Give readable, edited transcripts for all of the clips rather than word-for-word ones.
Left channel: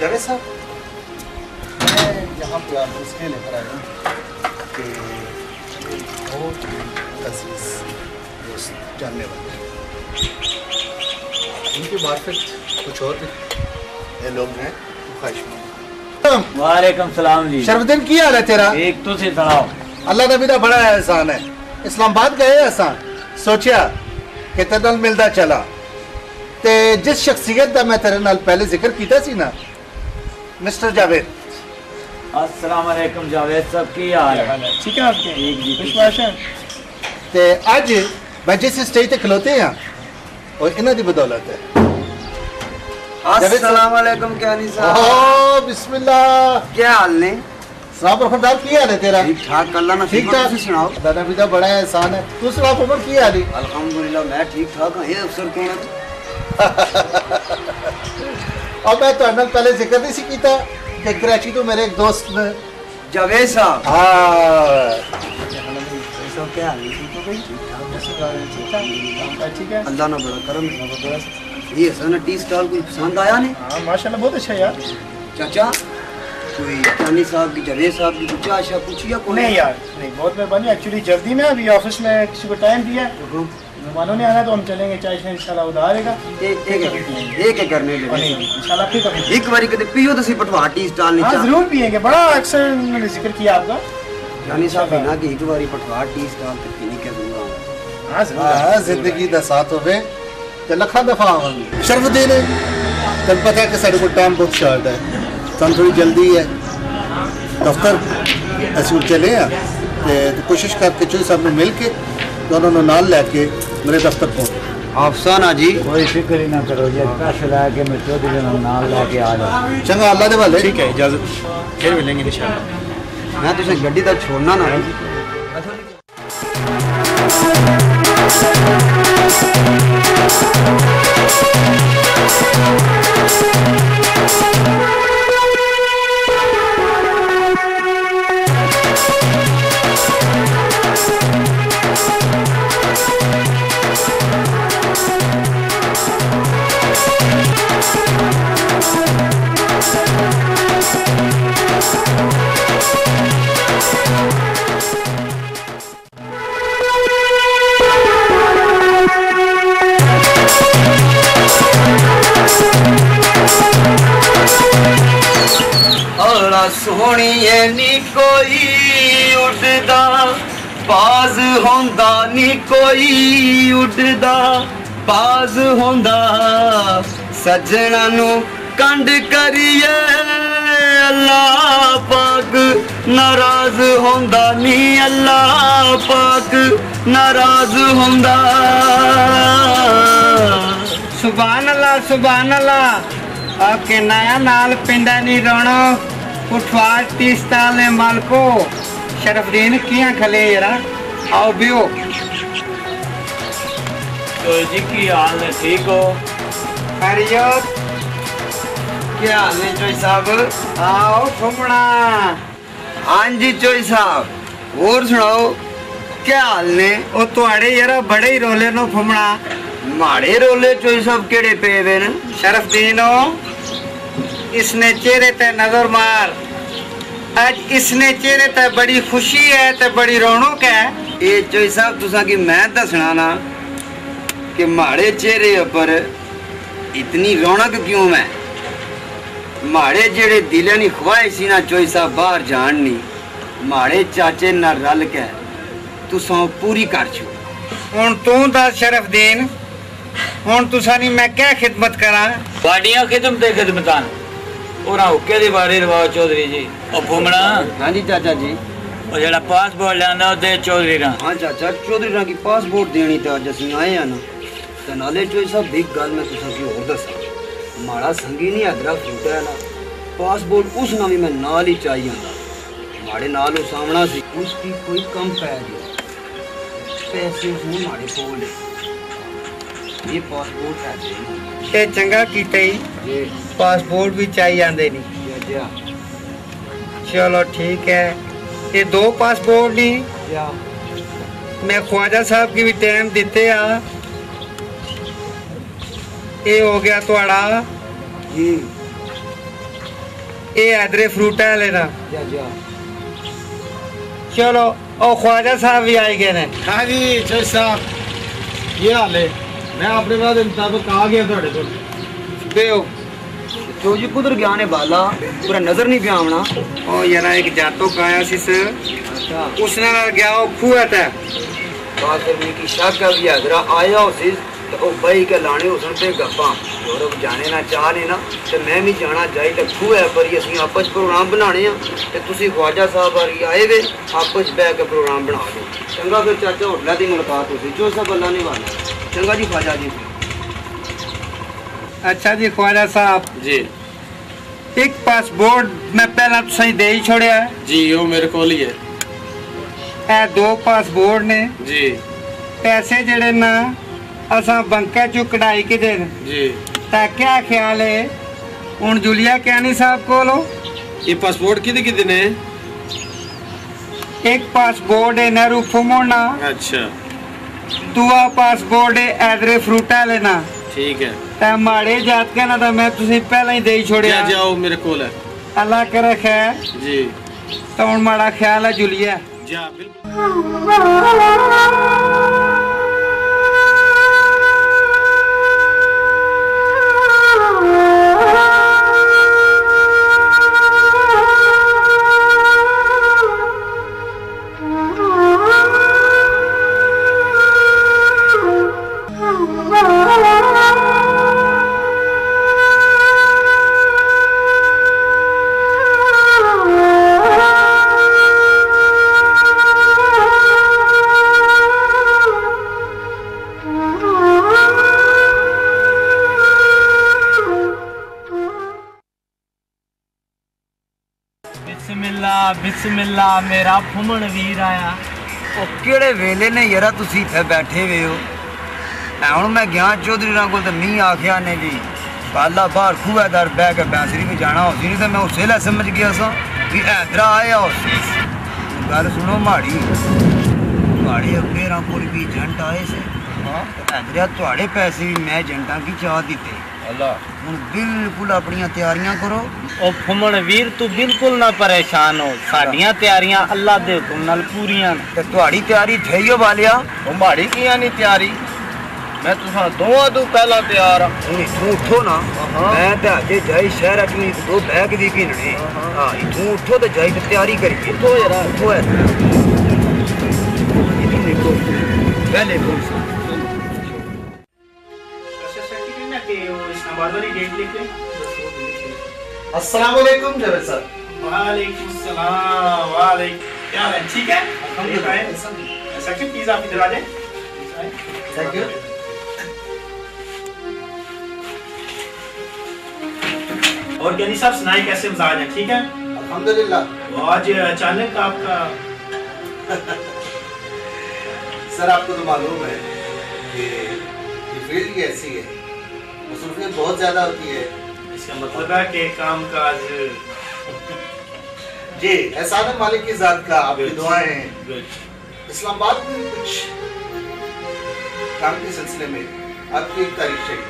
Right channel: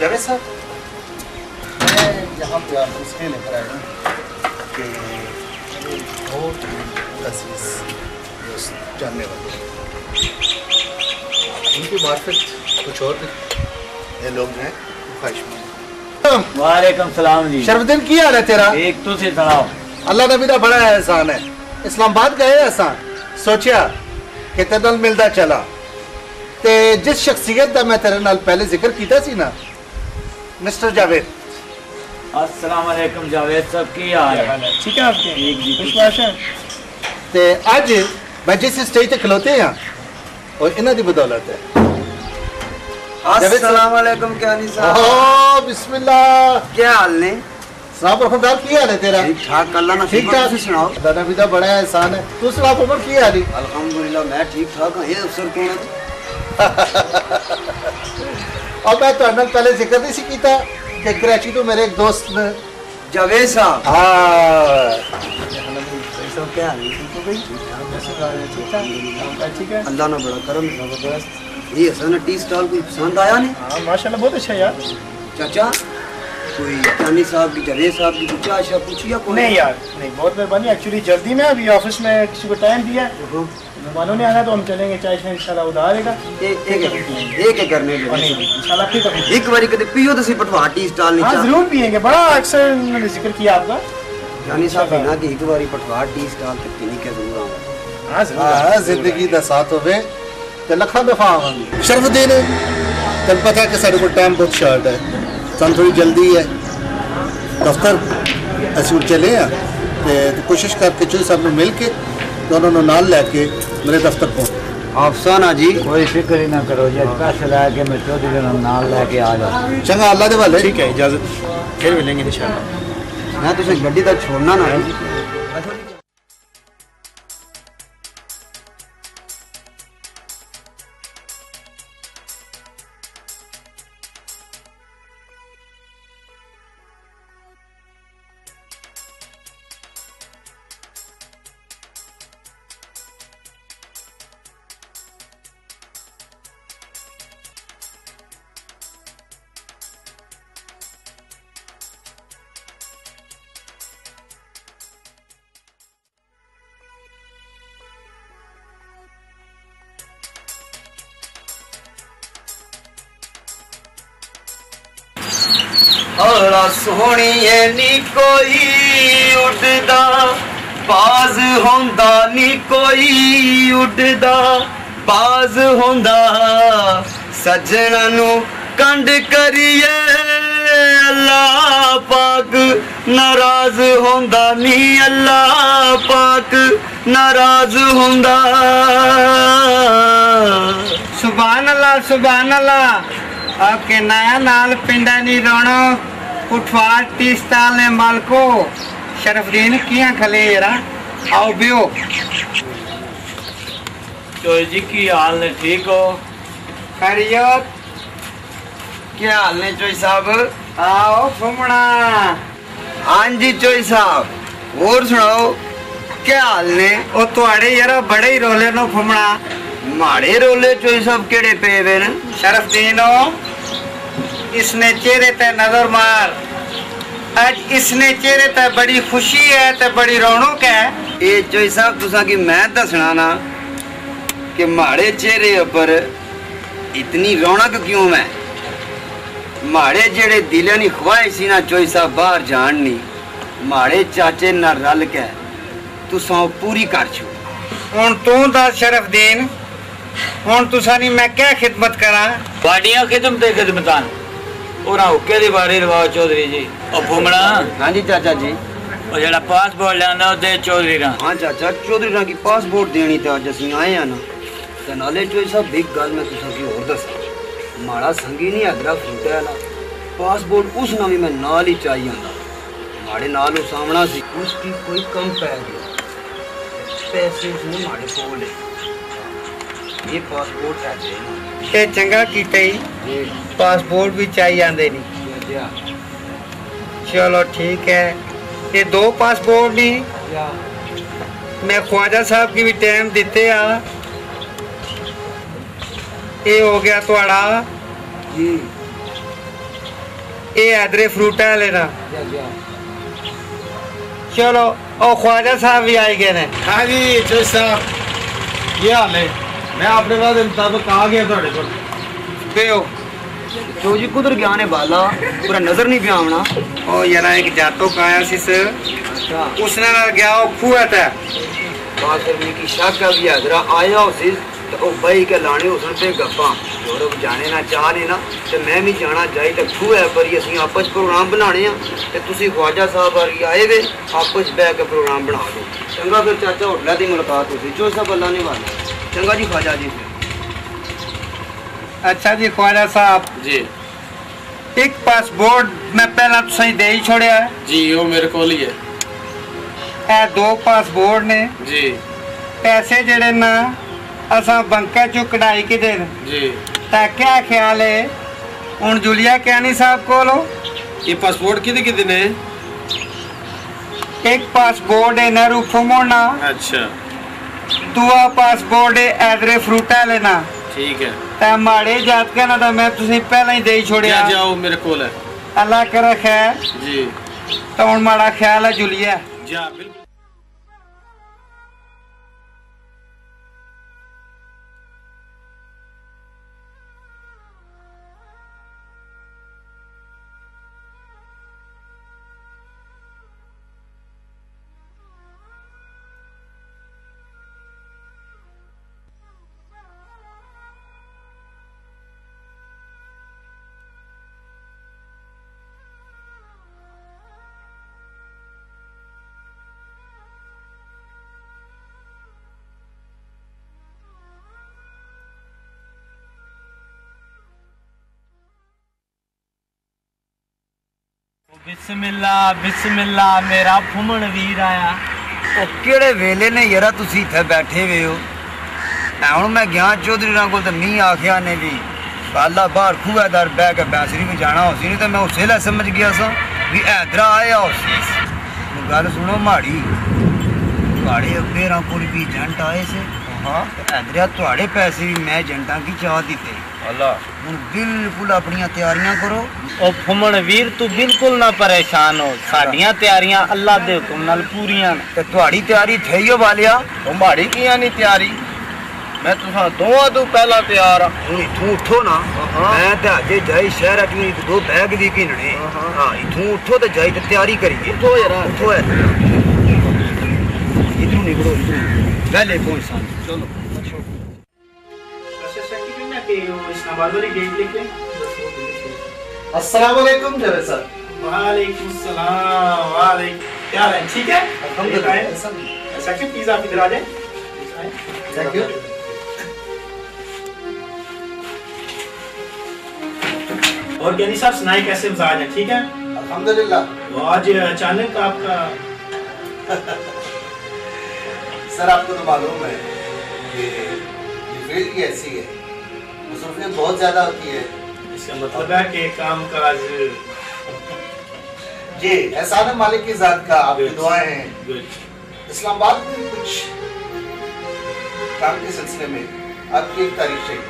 जावेद साहब, मैं यहाँ पे आपको इसलिए लेकर आया हूँ कि बहुत अजीज दोस्त जानने वाले हैं, उनकी मार्फत कुछ और भी ये लोग हैं ख्वाहिशमंद। वालेकुम सलाम जी। शरफुद्दीन की हाल है तेरा? एक तो से सुनाओ। अल्लाह नबी का बड़ा एहसान है। इस्लामाबाद गए असा सोचा कि तेरे नाल मिलदा चला ते जिस शख्सियत का मैं तेरे नाल पहले जिक्र किया सी ना, मिस्टर जावेद। अस्सलाम वालेकुम जावेद साहब, की हाल है? ठीक है आपके? ठीक जी। विश्वास है ते आज मैं जिस स्टेज पे खलोते हैं और इन्हां दी बदौलत है। अस्सलाम वालेकुम क्यानी साहब। ओह बिस्मिल्लाह, क्या हाल ने? साहब रखमदार की हाल है तेरा? ठीक ठाक, अल्लाह ना ठीक ठाक। तुसी सुनाओ। दादा पिता बड़ा एहसान है। तू सुना उमर की हाल है? अल्हम्दुलिल्लाह मैं ठीक ठाक हूं। ये अफसर कौन है? और मैं तो नाल पहले जिक्र नहीं सी कीता कि कराची तो मेरे एक दोस्त ने। जावेद साहब। हाँ क्या हाल है? ठीक है। अल्लाह ना बड़ा करम जबरदस्त। ये हसन टी स्टॉल कोई पसंद आया ने? हाँ माशाल्लाह बहुत अच्छा यार। चाचा कोई क्यानी साहब की, जावेद साहब की कुछ आशा पूछी या कोई? नहीं यार नहीं, बहुत मेहरबानी। एक्चुअली जल्दी में अभी ऑफिस में किसी को टाइम दिया है, मेहमानों ने आना तो हम चलेंगे। चाय शाय इंशाल्लाह उधार आएगा। एक करने दे इंशाल्लाह फिर कभी एक बारी कदे पियो तो सी पटवा टी स्टॉल नीचे। हाँ जरूर पियेंगे, बड़ा अक्सर मैंने जिक्र किया आपका। क्यानी साहब बिना कि एक बारी पटवा टी स्टॉल तक पीने के जरूर आऊंगा। हाँ जरूर। हाँ जिंदगी का साथ होवे ते लखा दफा आवांगे। शरफुद्दीन तेन पता है कि साढ़े को टाइम बहुत शॉर्ट है, सन थोड़ी जल्दी है। दफ्तर असि चले हैं ते कोशिश करके चौधरी साहब ने मिल के दोनों ने नाल लैके मेरे दफ्तर पहुंच। अफसाना जी कोई फिक्र ही ना करो जी, पैसे लेके मैं चौधरी ने नाल लेके आ जाओ। चंगा अल्लाह दे वाले। ठीक है, इजाजत, फिर मिलेंगे इंशाल्लाह। मैं तुझे गड्डी तक छोड़ना ना। सोहणिए नी कोई उड़दा बाज होंदा नी कोई उड़दा बाज होंदा सजना नू कंड करिए अल्लाह पाक नाराज होंदा नी अल्लाह पाक नाराज होंदा। सुभान अल्लाह आपके नया नाल पिंडा नी रोनो कुठवार टी स्टाल ने मालको शरफुद्दीन किया खले जरा आओ बियो। तो जी की हाल ने? ठीक हो? खैरियत? क्या हाल ने चोई साहब? आओ घूमना। हाँ जी चोई साहब, और सुनाओ क्या हाल ने? ओ तुआड़े यारा बड़े ही रोले नो घूमना। माड़े रोले चोई साहब केड़े पे वे न? शरफुद्दीनो इसने चेहरे ते नजर मार। आज इसने चेहरे ते बड़ी खुशी है ते बड़ी रौनक है। ये चोई साहब तुसा की मैं दसना ना कि माड़े चेहरे ऊपर इतनी रौनक क्यों है? माड़े जेड़े दिले नी ख्वाहिश सी ना चोई साहब बाहर जानी, माड़े चाचे ना रल के तुसा पूरी कर छो। हुण तू दस शरफुद्दीन, हुण तुसानी मैं क्या खिदमत करा? बाडियां खिदमत खिदमतान और हुक्के दी बारी रवाओ चौधरी जी। और घूमना। हाँ जी चाचा जी। और जेड़ा पासपोर्ट लेना दे चौधरी रा। हाँ चाचा चौधरी रा की पासपोर्ट देनी ते अज असीं आए हैं ना ते नाले चोई साहब एक गल मैं तुसा की और दसा, माड़ा संगी नहीं अदरा फूटा है ना पासपोर्ट उस ना भी मैं नाल ही चाहिए आंदा। माड़े नाल वो सामना सी उसकी कोई कम पै गया, पैसे उसने माड़े कोल ये पासपोर्ट है देना। ये चंगा कीते ही पासपोर्ट भी चाहिए आंदे नहीं। चलो ठीक है, ये दो पासपोर्ट नहीं मैं ख्वाजा साहब की भी टाइम देते आ। ये हो गया थोड़ा जी ये हैदरे फ्रूटा लेना। जा जा। चलो और ख्वाजा साहब भी आए गए ने। हाँ जी जज साहब, ये हाल है। मैं अपने वादे मुताबिक आ गया थोड़े को। बेओ जो जी कुदर गया ने बाला पूरा नजर नहीं पिया आना। ओ यार एक जातो का आया सी सर, अच्छा उसने ना गया वो खुआ था। बात करने की शक है भी हैदरा आया उसी तो भाई के लाने उसन पे गप्पा और जाने ना चाहने ना तो मैं भी जाना चाहिए तो खू है पर असं आपस प्रोग्राम बनाने तो तुम ख्वाजा साहब आए वे आपस बह के प्रोग्राम बना दो। चंगा फिर चाचा होटल की मुलाकात होती जो सब अल्लाह ने वाला। चंगा जी ख्वाजा जी। अच्छा जी ख्वाजा साहब जी एक पासपोर्ट मैं पहला तो सही दे ही छोड़िया है जी, वो मेरे को ही है ए 2 पासपोर्ट ने जी पैसे जड़े ना असा बंका चो कढ़ाई के दे जी। ता क्या ख्याल है हूँ जुलिया कैनी साहब को लो ये पासपोर्ट कितने ने? एक पासपोर्ट है नहरू फुमोना, अच्छा दूआ पासपोर्ट है हैदरे फ्रूटा लेना। ठीक है, ता माड़े जात का ना तो मैं तुसी पहला ही दे ही छोड़िया। जाओ मेरे को है अल्लाह करे खैर जी। तो हूँ माड़ा ख्याल है जुलिया जा बिल्कुल। बिस्मिल्लाह बिस्मिल्लाह मेरा फुमन वीर आया। ਉਹ ਕਿਹੜੇ ਵੇਲੇ ਨੇ ਯਾਰਾ ਤੁਸੀਂ ਇੱਥੇ ਬੈਠੇ ਵੇ ਹੋ। ਹੁਣ ਮੈਂ ਗਿਆ ਚੌਧਰੀ ਨਾਲ ਕੋਲ ਤੇ ਮੀਂਹ ਆਖਿਆ ਨੇ ਜੀ ਬਾਲਾ ਬਾਹਰ ਖੂਹੇਦਾਰ ਬਹਿ ਕੇ ਬੈਂਸਰੀ ਵੀ ਜਾਣਾ ਹੋ ਸੀ ਨਹੀਂ ਤਾਂ ਮੈਂ ਉਸੇ ਲੈ ਸਮਝ ਗਿਆ ਸਾਂ ਵੀ ਹੈਦਰਾ ਆਇਆ ਹੋ ਸੀ। ਗੱਲ ਸੁਣੋ ਮਾੜੀ ਤੁਹਾਡੇ ਅੱਬੇਰਾਂ ਕੋਲ ਵੀ ਏਜੰਟ ਆਏ ਸੀ। ਹਾਂ ਹੈਦਰਾ ਤੁਹਾਡੇ ਪੈਸੇ ਵੀ ਮੈਂ ਏਜੰਟਾਂ ਕੀ ਚਾਹ ਦਿੱਤੇ। अल्लाह ਹੁਣ ਬਿਲਕੁਲ ਆਪਣੀਆਂ ਤਿਆਰੀਆਂ ਕਰੋ। ओ फुमन वीर तू बिल्कुल ना परेशान हो, साडियां तैयारियां अल्लाह दे हुक्म नाल पूरियां ने। ਤੇ ਤੁਹਾਡੀ ਤਿਆਰੀ ਥਈਓ ਵਾਲਿਆ। ओ माड़ी कियां नहीं तैयारी, मैं तुसा दोवां तू पहला तैयार हां। ਹੁਣ ਇਥੋਂ ਉੱਠੋ ਨਾ ਮੈਂ ਤੇ ਅਜੇ ਜਾਈ ਸ਼ਹਿਰ ਚ ਵੀ 2 ਬੈਗ ਵੀ ਘਿਨਣੇ। ਹਾਂ ਇਥੋਂ ਉੱਠੋ ਤੇ ਜਾਈ ਤੇ ਤਿਆਰੀ ਕਰੀਏ। उठो यार उठो है इधर निकलो इधर पहले पहुंचा चलो। अस्सलाम वालेकुम जवेद सर। वालेकुम सलाम। वालेकुम, क्या हाल है? ठीक है अल्हम्दुलिल्लाह। सेक्रेटरी प्लीज आप इधर आ जाएं। Thank you. और ज्ञानी साहब सुनाए कैसे मिजाज है? ठीक है अल्हम्दुलिल्लाह। तो आज अचानक आपका सर आपको तो मालूम है कि ये फील्ड की ऐसी है, मसरूफियत बहुत ज़्यादा होती है। इसका मतलब है कि काम काज जी एहसान है मालिक की ज़ात का, आपकी दुआएं हैं। गुड। इस्लामाबाद में कुछ काम के सिलसिले में आपकी एक तारीख चाहिए।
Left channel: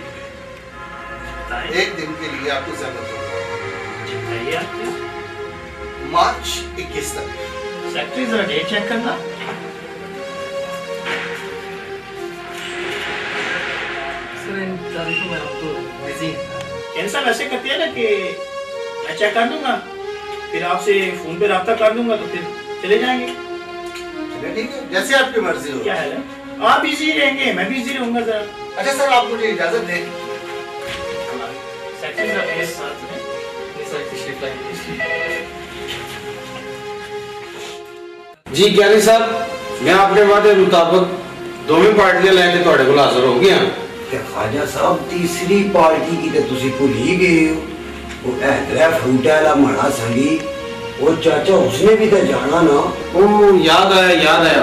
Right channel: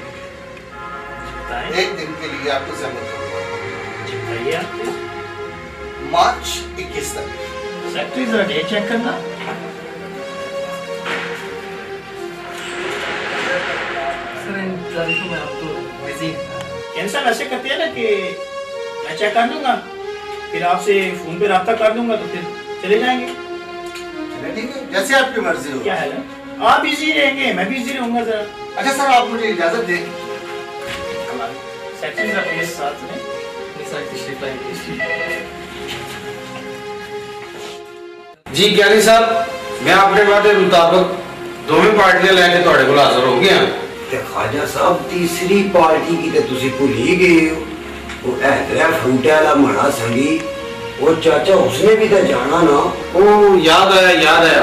बताएं। एक दिन के लिए आपको जरूरत होगी। बताइए आप। मार्च 21 तक। सेक्रेटरी जरा डेट चेक करना। कैंसर ऐसे करते हैं ना कि मैं चेक कर लूंगा, फिर आपसे फोन पे राब्ता कर लूंगा, तो फिर चले जाएंगे। चलिए ठीक है, जैसे आपकी मर्जी हो। क्या है ना? आप बिजी रहेंगे, मैं बिजी रहूंगा जरा। अच्छा सर आप मुझे इजाजत दें। सेक्रेटरी का प्लीज साथ में जी ज्ञानी साहब मैं अपने वादे मुताबिक दोवें पार्टियां लेके तुहाडे कोल हाजिर हो गया। ते ख्वाजा साहब तीसरी पार्टी की ते तुसी भूल ही गए हो। वो हैदरा फ्रूटा वाला माड़ा संगी वो चाचा उसने भी तो जाना ना। ओ याद आया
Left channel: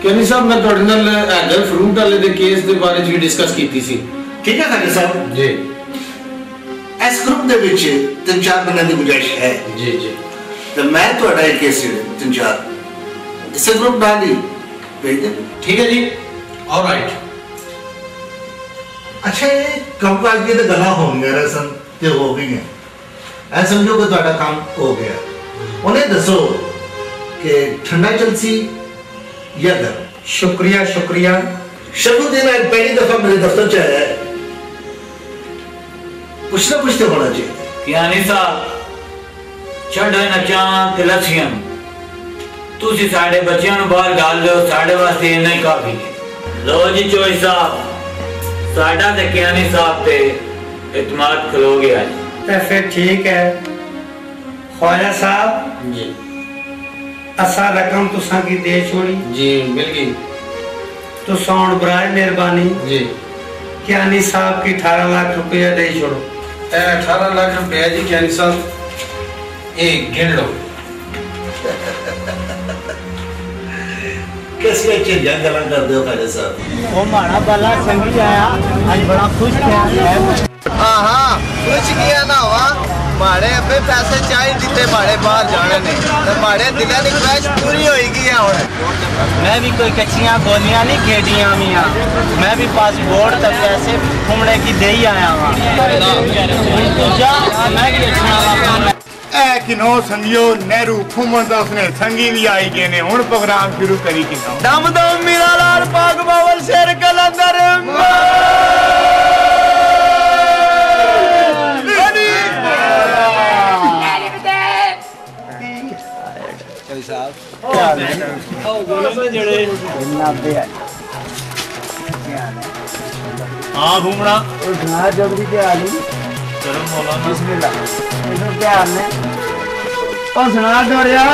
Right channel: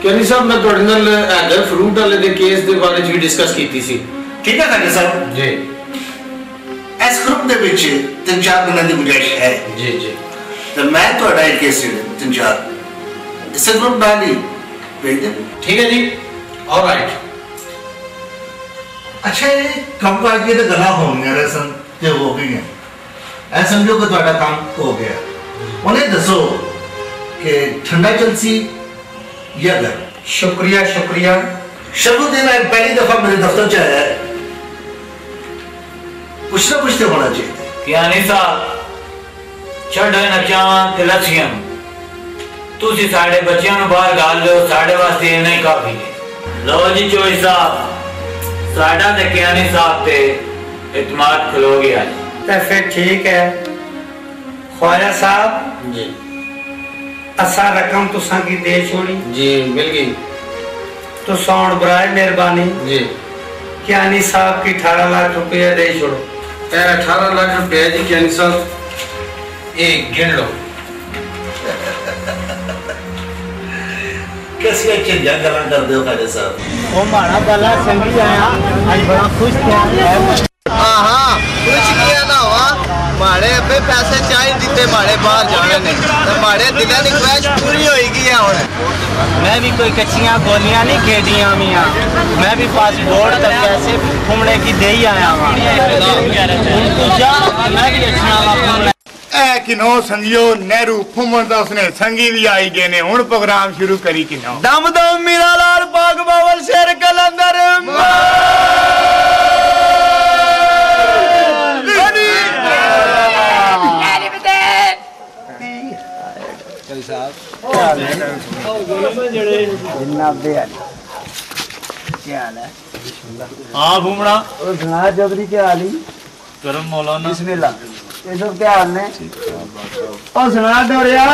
ज्ञानी साहब मैं तुहाडे नाल हैदर फ्रूट वाले दे केस दे बारे च भी डिस्कस कीती सी। ठीक है खाली साहब जी इस ग्रुप दे विच 3-4 दिन की गुंजाइश है। जी जी तो मैं तुहाडा एक केस 3-4 इसे ग्रुप डाल ही भेज दे। ठीक है जी ऑलराइट। अच्छा ये कम काज ये तो गला हो गया सन ते हो गई है ऐ समझो कि तुम्हारा काम हो गया। उन्हें दसो कि ठंडा चलसी या गर्म। शुक्रिया शुक्रिया। शरफुद्दीन आज पहली दफा मेरे दफ्तर च आया है, पूछना पूछते होना चाहिए। क्या नहीं साहब छड़ो ना चावां ते लस्सियां तुसी साडे बच्चियां नु बाहर गाल लो, साडे वास्ते इन्ना ही काफी है। लो जी चोई साहब साडा ते कियानी साहब पे इत्मीनान खलो गया तो फिर ठीक है। ख्वाजा साहब जी असा रकम तुसा की दे छोड़ी जी मिल गई तो सौन बराए मेहरबानी जी। कियानी साहब की 18 लाख रुपया दे छोड़ो। 18 लाख रुपया जी कियानी साहब एक गिन लो। कैसी अच्छी गल कर दो खाजा साहब। वो माड़ा बाला संगी आया आज बड़ा खुश किया है। हाँ कुछ किया ना हुआ माड़े अबे पैसे चाहिए दिते माड़े बाहर जाने ने तो माड़े दिलों की ख्वाहिश पूरी होएगी है हुण। मैं भी कोई कच्चियां गोलियां नहीं खेडियां मियां, मैं भी पासपोर्ट तक पैसे घूमने की दे ही आया हूं। तू जा मैं भी अच्छा वा। ए किनो संगियो नेहरू फुमन दा उसने संगी भी आई गए ने हुण प्रोग्राम शुरू करी किनो। दम दम मीरा लाल पाक बावल शेर कलंदर हां घूमना और सुना जबरी के आली करम मौलाना बिस्मिल्लाह इधर क्या हाल है और सुना डोरिया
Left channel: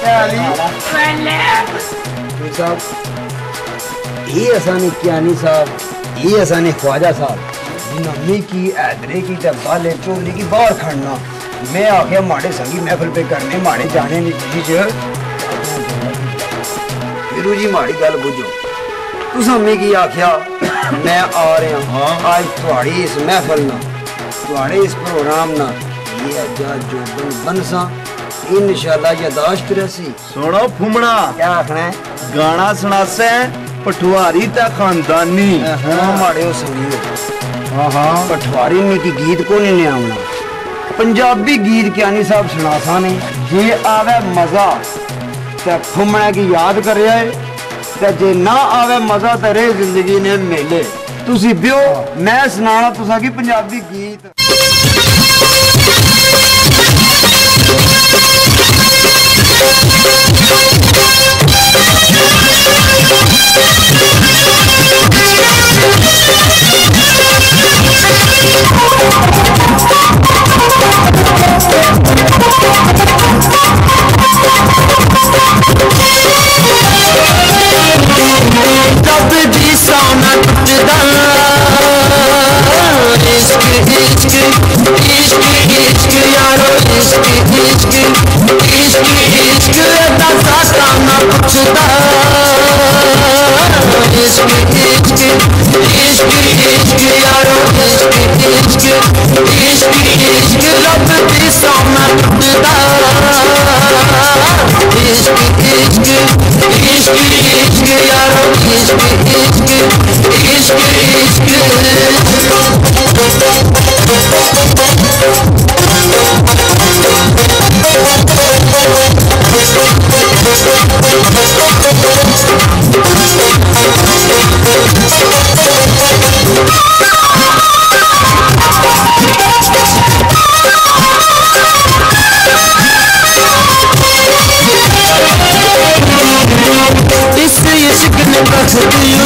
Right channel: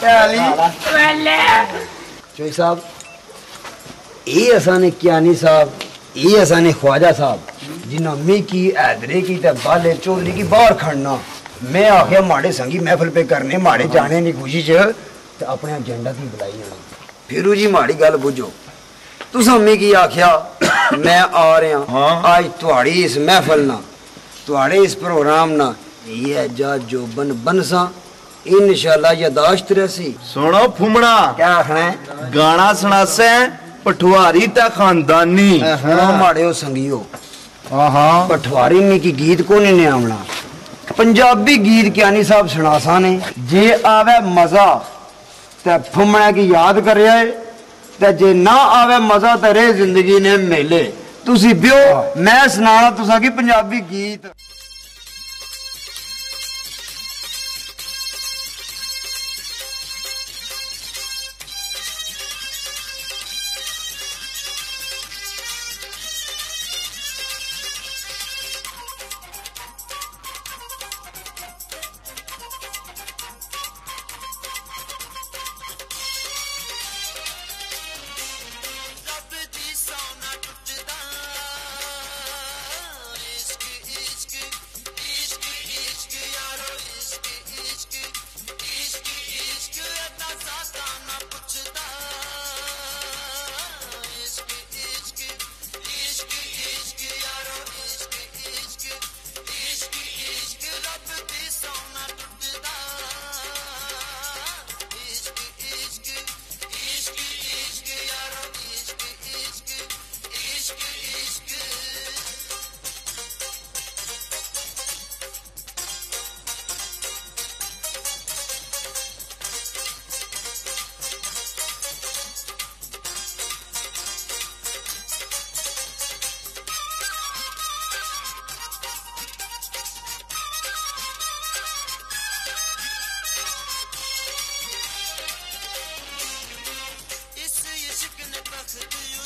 क्या आली जो साहब ये असाने कियानी साहब ये असाने ख्वाजा साहब जिन्ना मी की हैदरे की ते बाले चौधरी की बाहर खड़ना मैं आखे माड़े संगी महफिल पे करने माड़े जाने की खुशी च अपना झंडा की बुलाई फिरू जी माड़ी गल बुझो तुसा मी की आख्या मैं आ रहा आज तुहाड़ी इस महफिल ना तुहाड़े इस प्रोग्राम ना ये जा जोबन बनसा इंशाल्लाह यादाश्त रहसी। सुनो फुमना क्या आखना है गाना सुनासे पठवारी ता खानदानी माड़े हो संगियो पठवारी में की गीत को नहीं आवना पंजाबी गीत कियानी साहब सुनासा ने जे आवे मजा ते फुमना की याद करे ते जे ना आवे मजा ते रे जिंदगी ने मेले तुसी बियो मैं सुनाना तुसा की पंजाबी गीत। इस इश्क ने बस दिल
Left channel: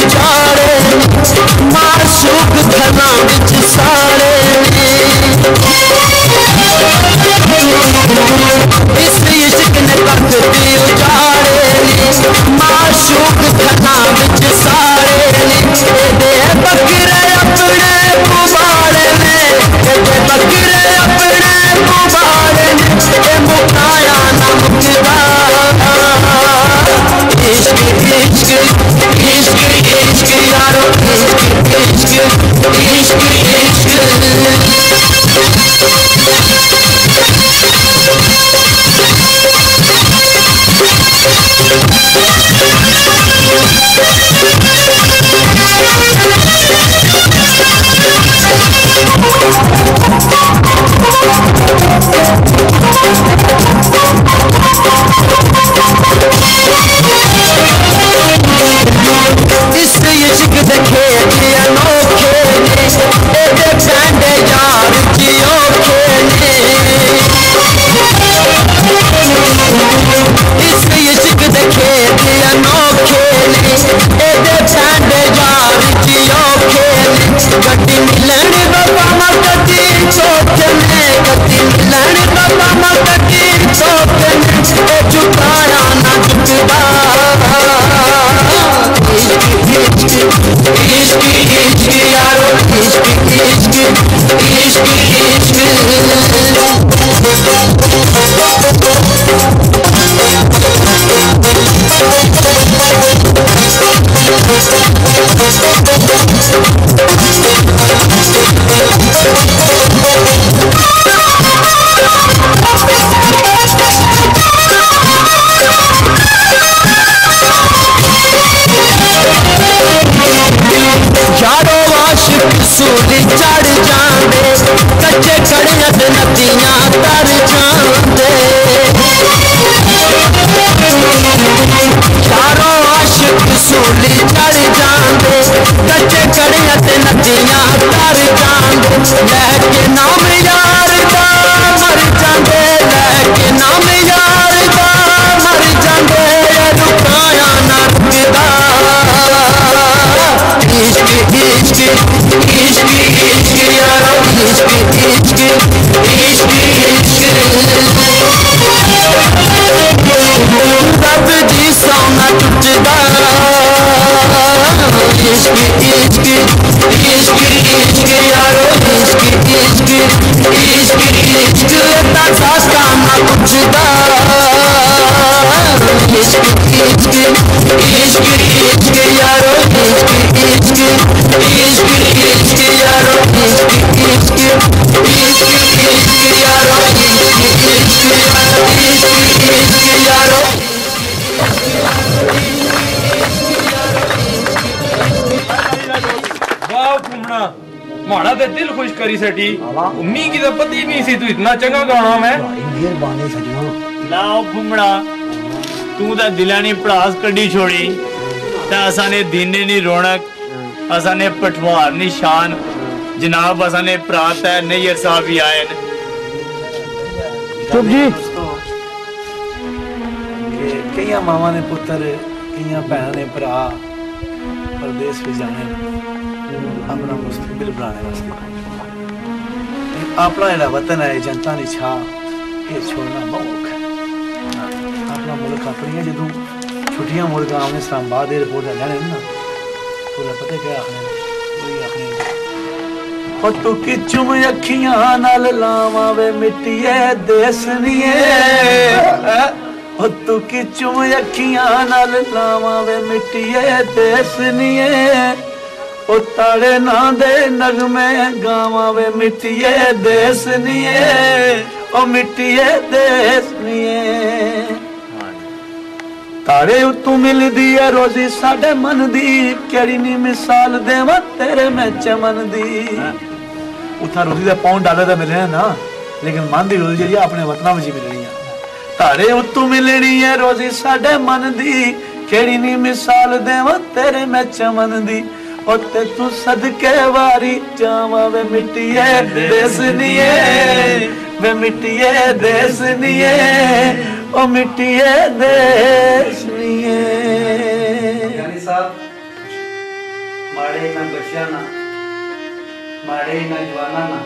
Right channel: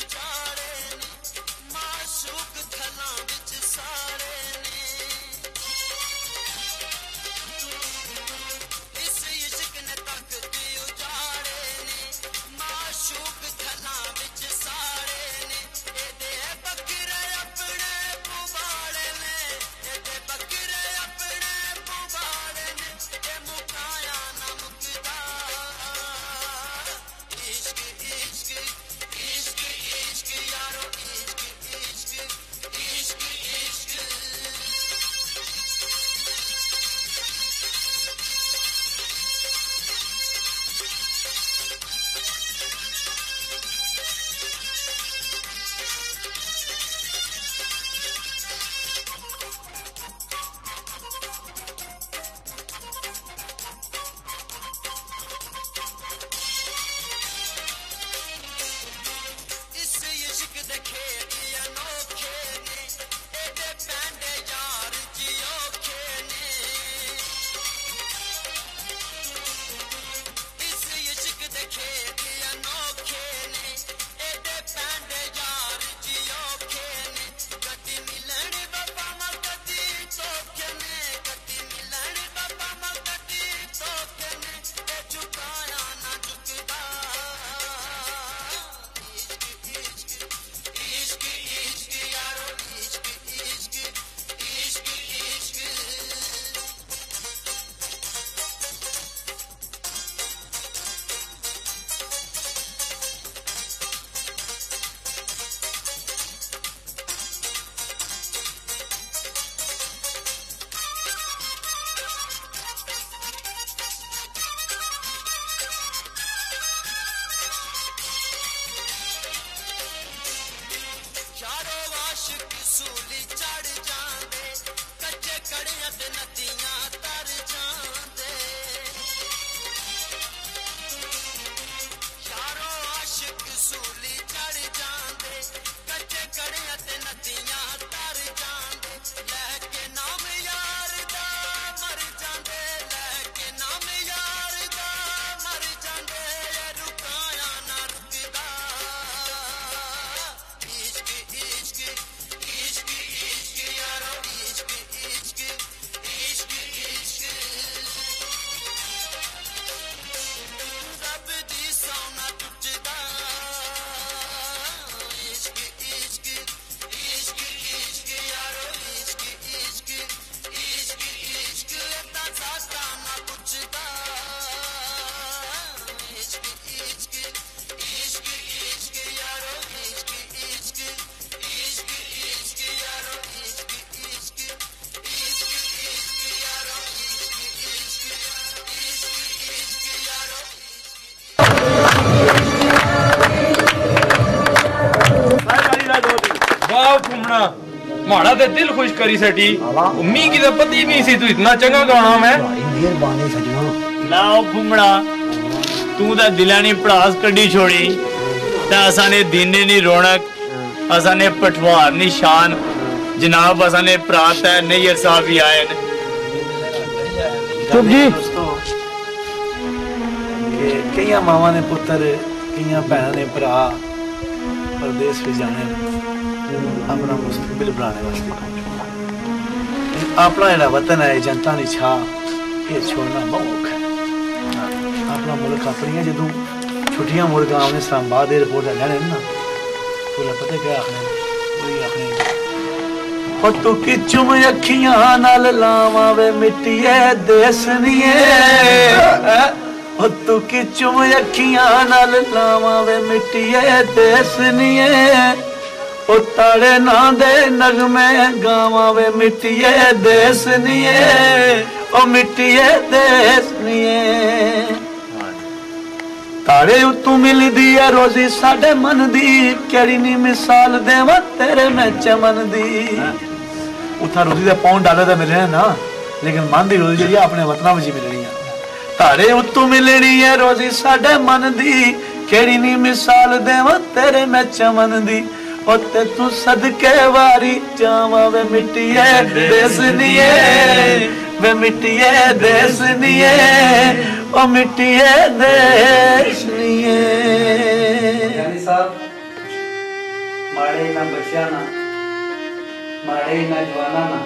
दिल खुश करी सटी मी की तो पता ही नहीं सी तू इतना चंगा गाना मैं मेहरबानी सजना लाओ फुमड़ा तू तो दिलानी पड़ास कड्डी छोड़ी ता असाने दीने नी रौनक असाने पठवार नी शान जनाब असाने प्रात है नैयर साहब भी आए न चुप जी कई मावा ने पुत्र कई भैन ने भरा परदेश भी जाने अपना मुस्तकबिल बनाने वास्ते अपना जरा वतन है जनता ने छा ये छोड़ना बहुत औखा है अपना मुल्क अपनी जो छुट्टियां मुड़ गाँव ने इस्लामाबाद एयरपोर्ट जाने ना तो पता क्या आखने तू किचुम अखियां नाल लावा वे मिट्टिए देसनिए तू किचुम अखियां नाल लावा वे मिट्टिए देसनिए ओ ताड़े ना दे नगमे गावा वे मिट्टिए देसनिए ओ मिट्टिए देसनिए ताड़े तू मिलदी है रोजी साडे मन दी केड़ी नी मिसाल देवा तेरे में चमन दी उतना रोजी का $1 मिलने ना लेकिन मन की रोजी जी अपने वतना में मिलनी है तारे उत्तू मिलनी है रोजी साडे मन दी केड़ी नी मिसाल देवा तेरे में चमन दी ओते तू सदके वारी जावा वे मिट्टिए देसनिए वे मिट्टिए देसनिए ओ मिट्टिए देसनिए यानी साहब माड़े ना बच्चा ना माड़े ना जवाना ना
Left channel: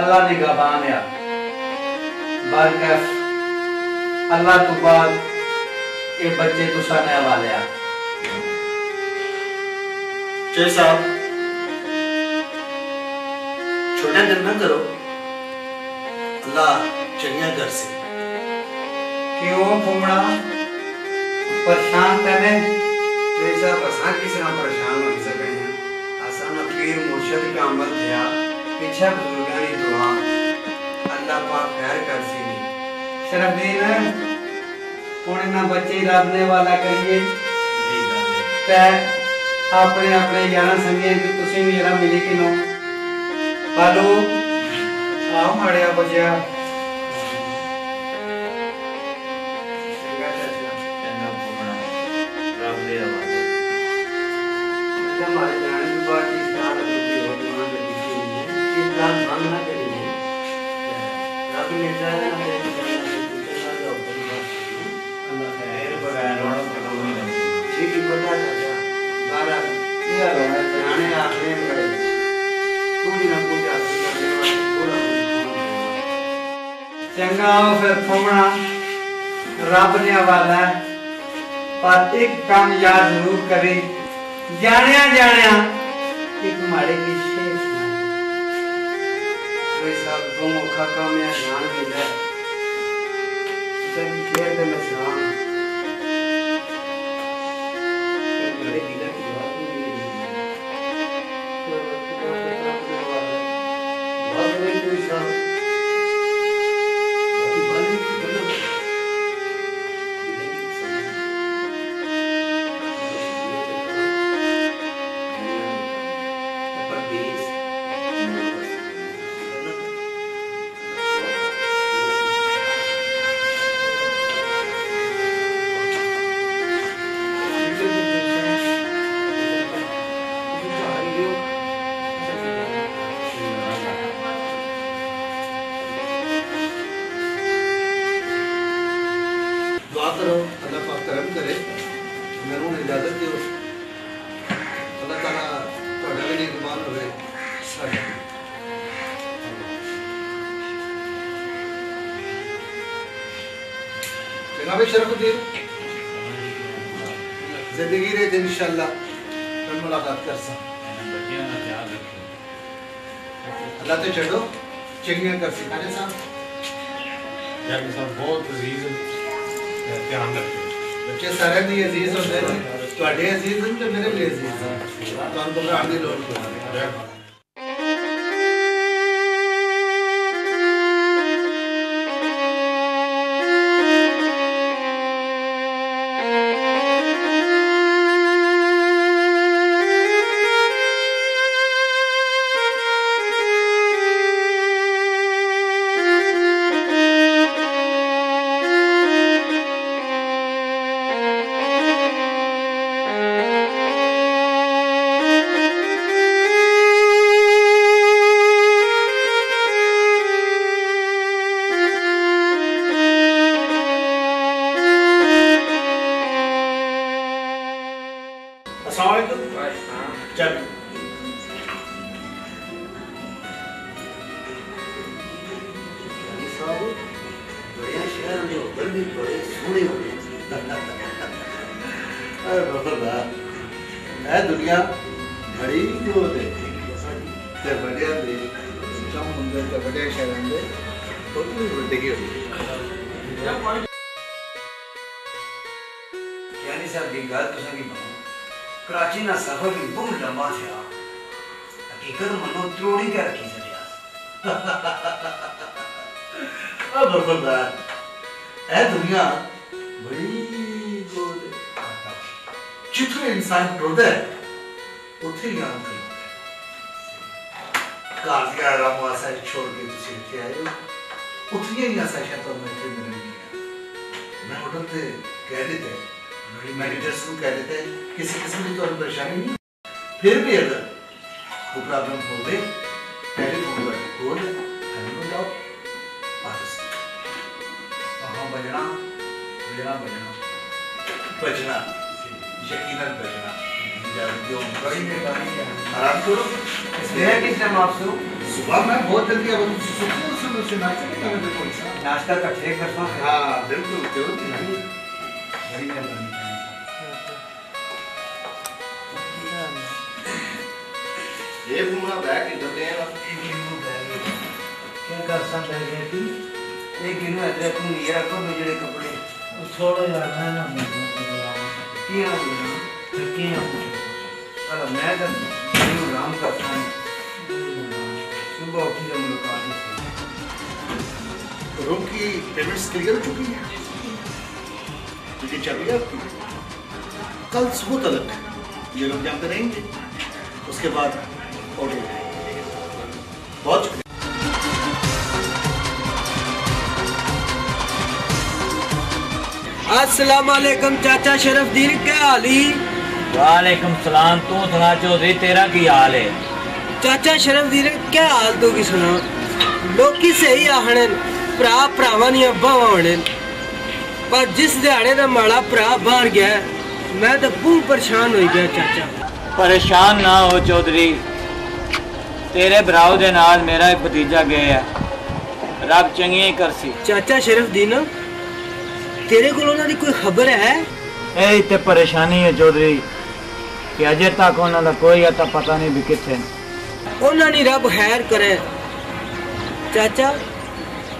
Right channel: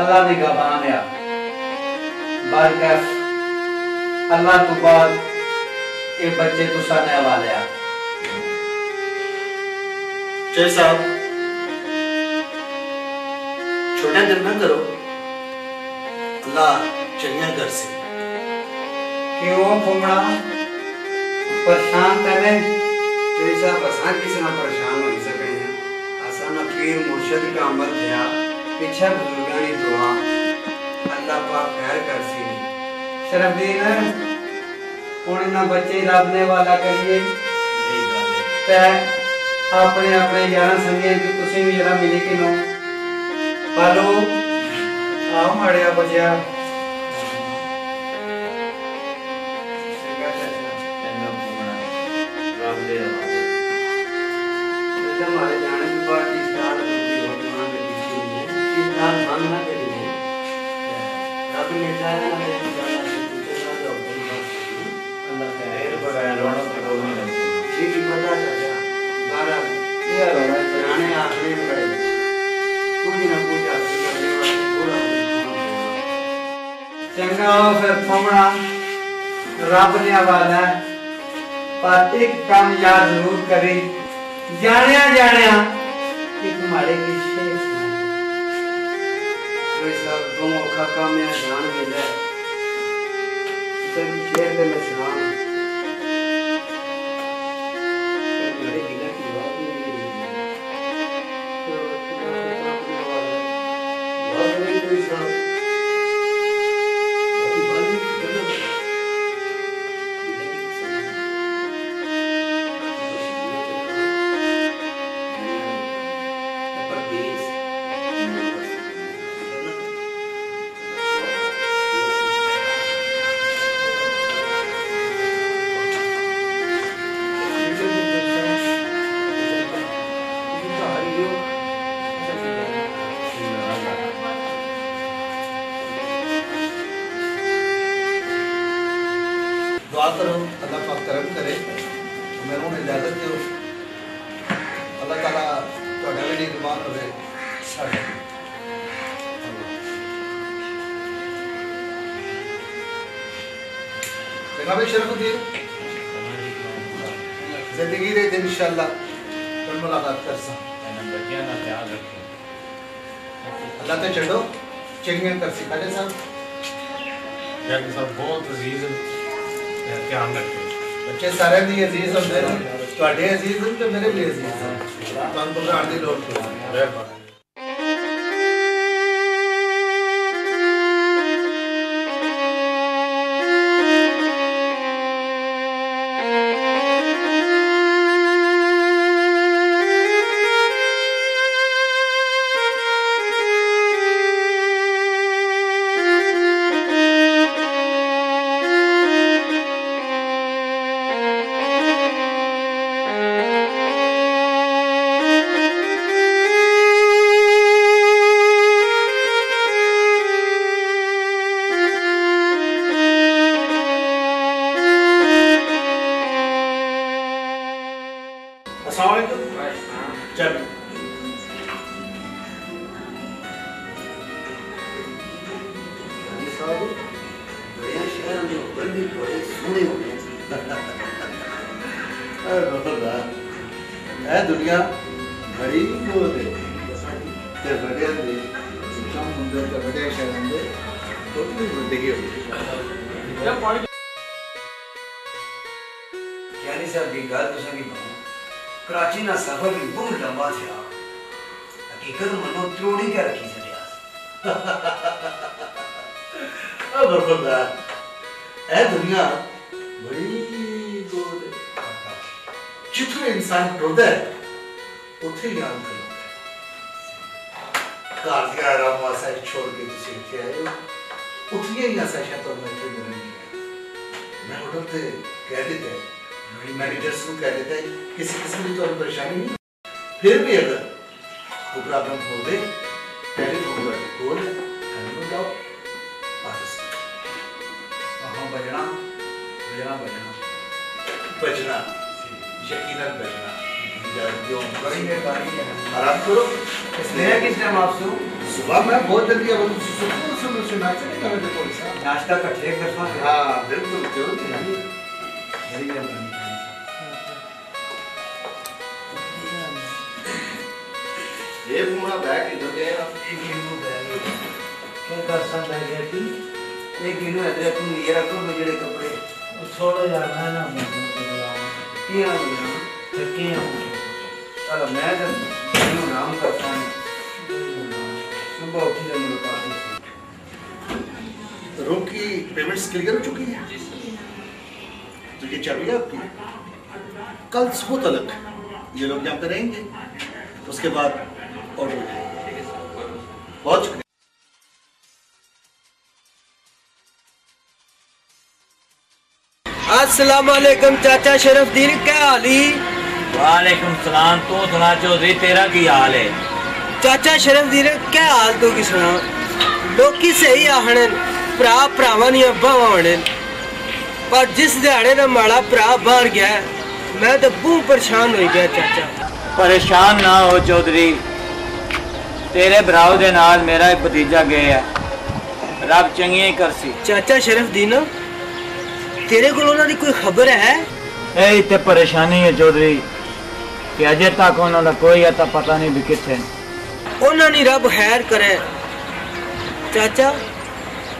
अल्लाह ने गवान या बरकत अल्लाह तो बाद ये बच्चे तुसा ने हवाले आ जय साहब छोटा दिन न करो अल्लाह चंगिया कर से क्यों फुमड़ा परेशान करे जैसा बसा किसी ना परेशान हो सके हैं आसान पीर मुर्शिद का अमल दिया पीछे बुजुर्गानी दुआ अल्लाह पाक खैर कर सी शरफदीन पुणे ना बच्चे लाभने वाला करिए अपने अपने यारा संगे कि तुसी भी जरा मिले कि नो पालो आओ माड़िया बजिया हमारे जाने की बात इस साल होती हो वहाँ पे दिखी है कि नाम भंग ना करिए रब ने चाहा ना अल्लाह खैर बगैर रोना तो कोई नहीं ठीक ही पता चला बारह ये रोना जाने आखिरी में करे कुछ ना कुछ करने वाले पूरा चंगा हो फिर फुमड़ा रब ने वाला पर एक काम याद जरूर करी जानिया जानिया एक माड़े की शेष कोई सब दो मौका काम या जान मिले सभी शेर दे में सलाम माड़े दिला की बात नहीं बहुत नहीं कोई सब करो अल्लाह पाक करम करे मेरे को इजाजत दो अल्लाह ताला ਤੁਹਾਡਾ ਵੀ ਨਿਗਮਾਨ ਹੋਵੇ ਸਾਡਾ जनाब शरफुद्दीन जिंदगी रे दिन इंशाअल्लाह कल मुलाकात कर सा अल्लाह ते चढ़ो चंगे कर सी खाने साहब यार साहब बहुत अजीज ध्यान रखियो बच्चे सारे दी अजीज होंदे ने ਤੁਹਾਡੇ ਅਜ਼ੀਜ਼ ਨੇ ਤੇ ਮੇਰੇ ਵੀ ਅਜ਼ੀਜ਼ ਹਨ ਤੁਹਾਨੂੰ ਘਬਰਾਉਣ ਦੀ ਲੋੜ ਨਹੀਂ जो बड़ी बड़े सोहने होने है दुनिया बड़ी गोद है ते बड़े दे कम होंगे ते बड़े शहर दे थोड़ी जिंदगी होती यानी साहब की गल तुसां की कराची ना सफर भी बहुत लंबा था हकीकत मनो त्रोड़ी के रखी छड़िया अब बरबरदार है दुनिया बड़ी गोद है जितना इंसान टुरदा है उथे ही आराम करो कार के आराम वास्ते छोड़ के तुसी इत्थे आए हो उठिए ही ऐसा शायद तो मैं इत्थे मिलनी मैं होटल पे कह देते मेरी मैनेजर्स को कह देते किसी किस्म की तो परेशानी नहीं फिर भी अगर कोई प्रॉब्लम हो गई टेलीफोन पर कॉल करने जाओ वापस वहाँ बजना बजना बजना बजना यकीनन बजना आराम करो इसलिए किस टाइम आपसे सुबह मैं बहुत जल्दी अब सुबह नाश्ता नहीं करने कौन सा नाश्ता इकट्ठे करता हूँ हाँ बिल्कुल जरूर बड़ी मेहरबानी ये पूरा बैग इधर दे ना क्या कर सकता है कि एक इन्हों इधर तुम ये रखो मुझे कपड़े छोड़ो यार मैं ना किया किया चलो मैं तो इन्हों आराम करता हूँ सुबह उठी जब मुलाकात तो रूम की पेमेंट्स क्लियर हो चुकी है तो ये चल रही है आपकी कल सुबह तक ये लोग यहाँ पे रहेंगे उसके बाद ऑर्डर बहुत शुक्रिया अस्सलाम वालेकुम चाचा शरफदीन क्या हाल ही वालेकुम सलाम। तू सुना चौधरी तेरा की हाल है? चाचा शरफदीन क्या हाल तो की सुना लोकी सही आखने भरा भरावां दियां बावां होने पर जिस दिहाड़े दा माड़ा भरा बाहर गया मैं तो बहुत परेशान हो गया चाचा। परेशान ना हो चौधरी, तेरे भराव दे नाल मेरा एक भतीजा गया है, रब चंगी ही करसी। चाचा शरफदीन तेरे को उन्होंने कोई खबर है? ए इतने परेशानी है चौधरी कि अजे तक उन्होंने कोई अता पता नहीं भी किथे। उन्होंने रब खैर करे चाचा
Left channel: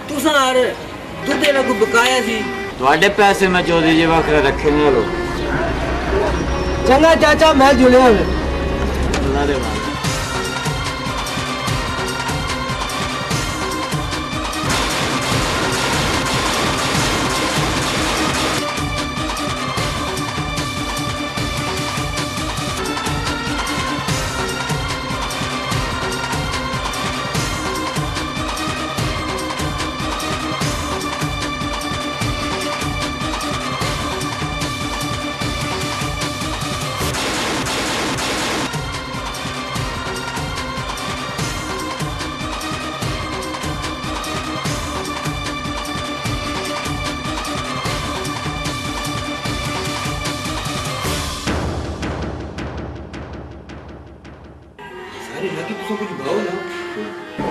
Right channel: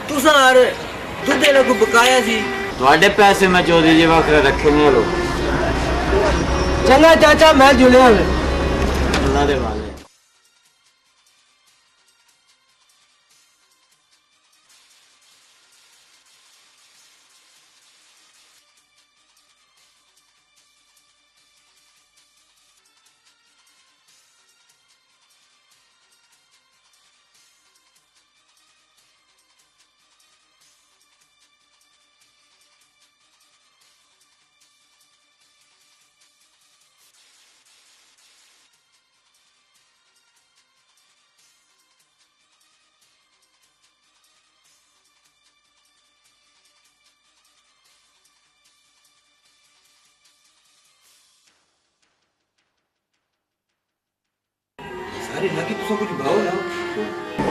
तुसा यार दुद्धे ना को बकाया सी ਤੁਹਾਡੇ पैसे मैं चौधरी जी वखरे रखे नहीं लो। चंगा चाचा मैं जुड़िया अल्लाह दे वाल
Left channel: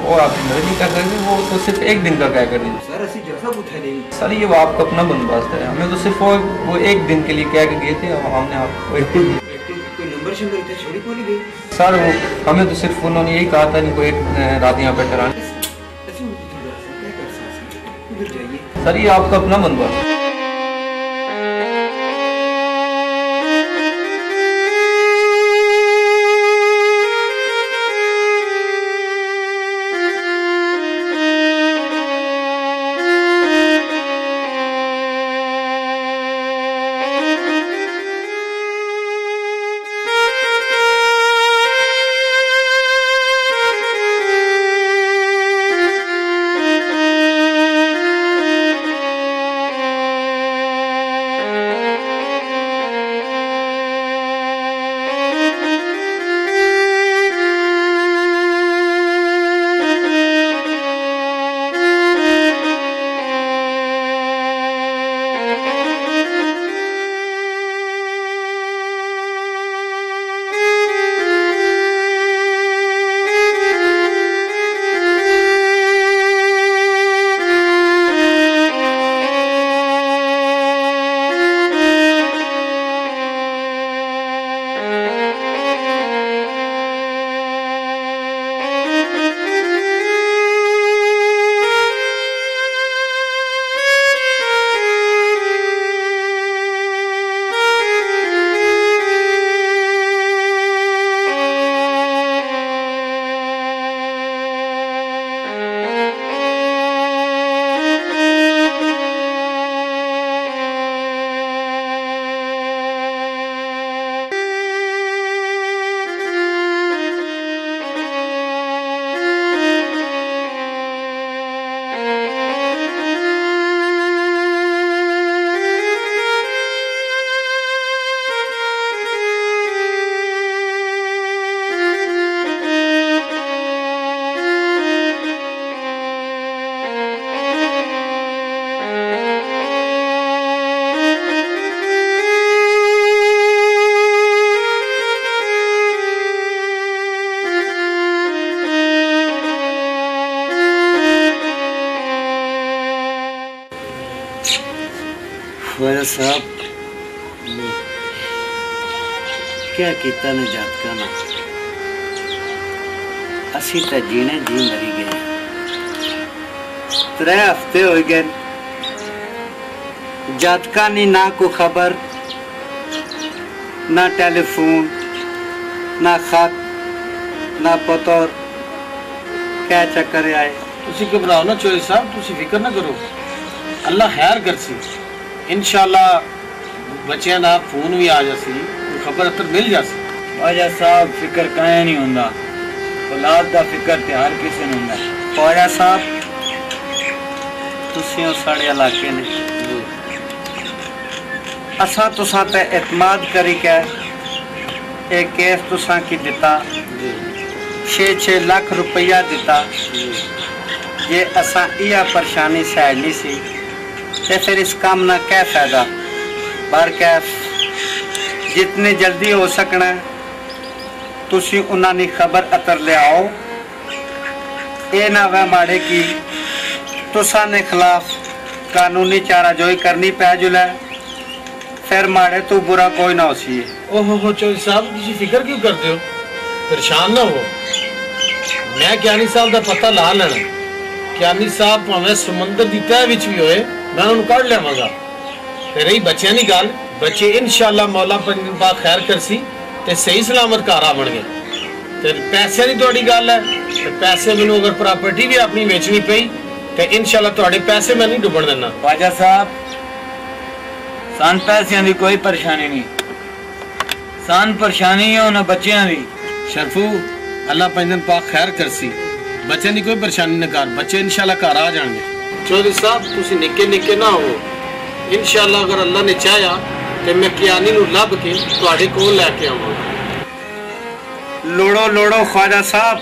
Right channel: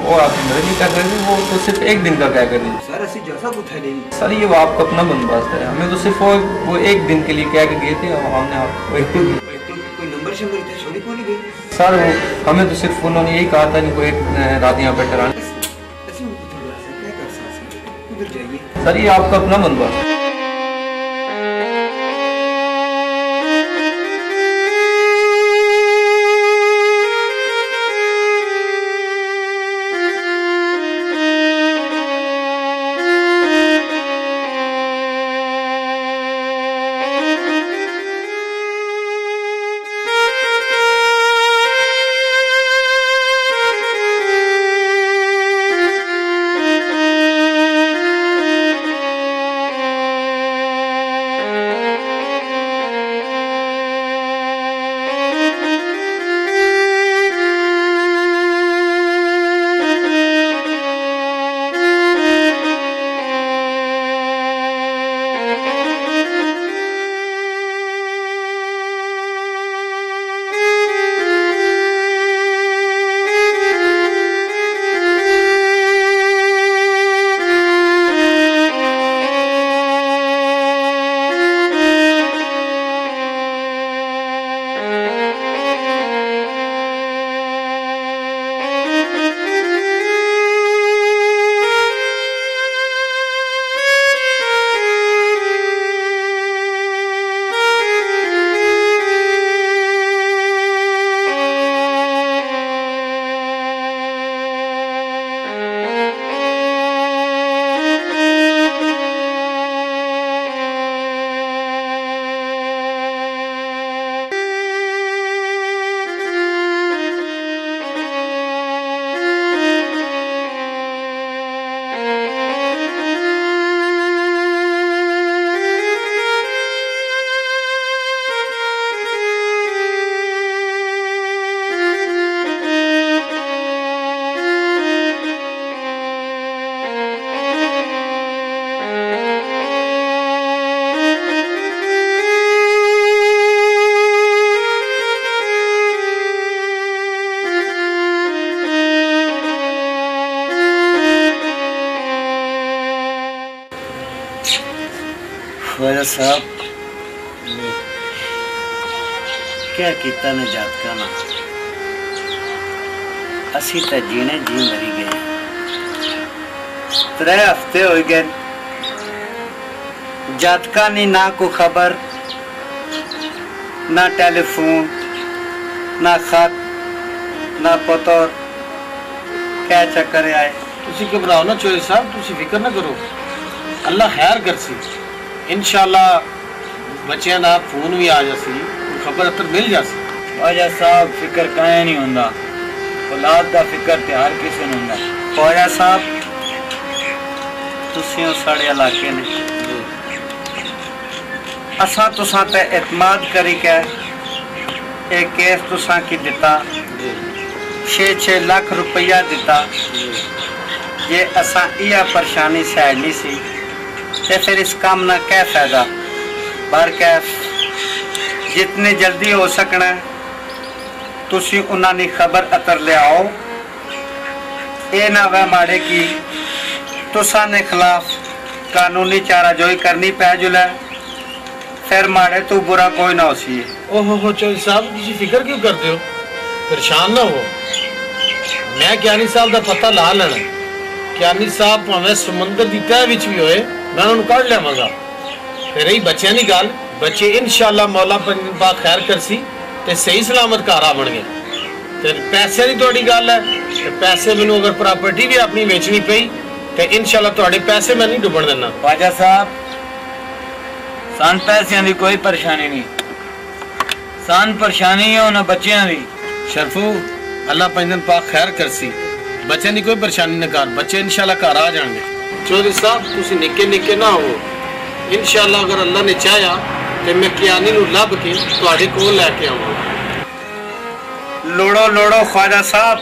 वो आपकी मदद नहीं कर रहे, वो तो सिर्फ एक दिन का क्या कर रही सर ऐसी जैसा कुछ है नहीं सर, ये वो आपका अपना बंदोबस्त है। हमें तो सिर्फ वो एक दिन के लिए कह के गए थे और हमने आपको कोई नंबर शंबर इतने छोड़ी को नहीं गई सर, वो हमें तो सिर्फ उन्होंने यही कहा था नहीं कोई एक रात यहाँ पे ठहराने। सर ये आपका अपना बंदोबस्त है। ख्वाजा साहब क्या किया ने जातका ना असी तो जीने जी मरी गए 3 हफ्ते हो गए जातका नी ना को खबर ना टेलीफोन ना खत ना पतोर क्या चक्कर आए तुसी घबराओ ना चोरी साहब तुसी फिक्र ना करो अल्लाह खैर करसी इंशाल्लाह बच्चियां दा फोन भी आ जासी खबर अतर मिल जासी ख्वाजा साहब फिक्र काहे नहीं हुंदा औलाद दा फिक्र ते हर किसी नूं हुंदा ख्वाजा साहब तुसी साढ़े इलाके ने असा तुसा ते एतमाद करी के एक केस तुसा की दिता 6-6 लाख रुपया दिता ये असा इया परेशानी सैलनी सी ते फिर इस काम ना क्या फायदा बार कैफ जितनी जल्दी हो सकना तुसी उन्हां दी खबर अतर ले आओ ये ना वह माड़े की तुसा ने खिलाफ कानूनी चाराजोई करनी पै जुलै फिर माड़े तू बुरा कोई ना होसी ओहो चौधरी साहब तुसी फिक्र क्यों करते हो परेशान ना हो मैं ज्ञानी साहब का पता ला लेना ज्ञानी साहब भावें समुंदर की तह विच भी होए मैं उन्होंने कढ़ लियावांगा ते रही बच्चियां दी गल बच्चे इंशाल्लाह मौला पाक खैर करसी ते सही सलामत घर आवणगे ते पैसे दी तुहाडी गल है ते पैसे मैनूं अगर प्रॉपर्टी भी अपनी बेचनी पई ते इंशाल्लाह तुहाडे पैसे मैं नहीं डुबण देना ख्वाजा साहब सान पैसों की कोई परेशानी नहीं सान परेशानी है उन्हें बच्चियां दी शरफू अल्लाह पंजन पाक खैर करसी बच्चों की कोई परेशानी न कर बच्चे इंशाल्लाह घर आ जाएंगे चौधरी साहब तुसी निक्के निक्के ना हो इंशाल्लाह अगर अल्लाह ने चाहा तो मैं कियानी नूं लभ के तुहाडे कोल लैके आवांगा लोड़ो लोड़ो ख्वाजा साहब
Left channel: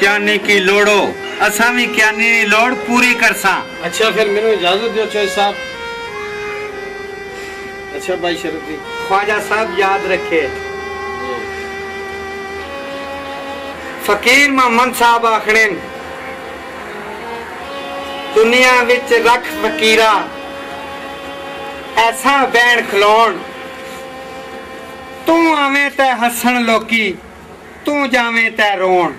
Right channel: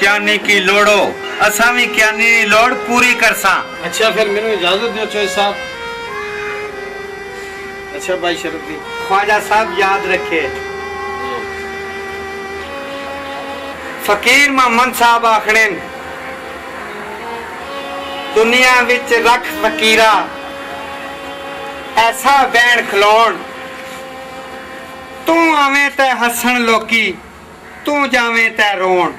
क्यानी की लोड़ो असा भी क्यानी की लोड़ पूरी करसा अच्छा फिर मैनूं इजाजत दियो चौधरी साहब अच्छा भाई शरफ जी ख्वाजा साहब याद रखे फकीर मोहम्मद साहब आखने दुनिया विच रख फकीरा ऐसा बैन खलोण तू आवें ते हसन लोकी तू जावें ते रोण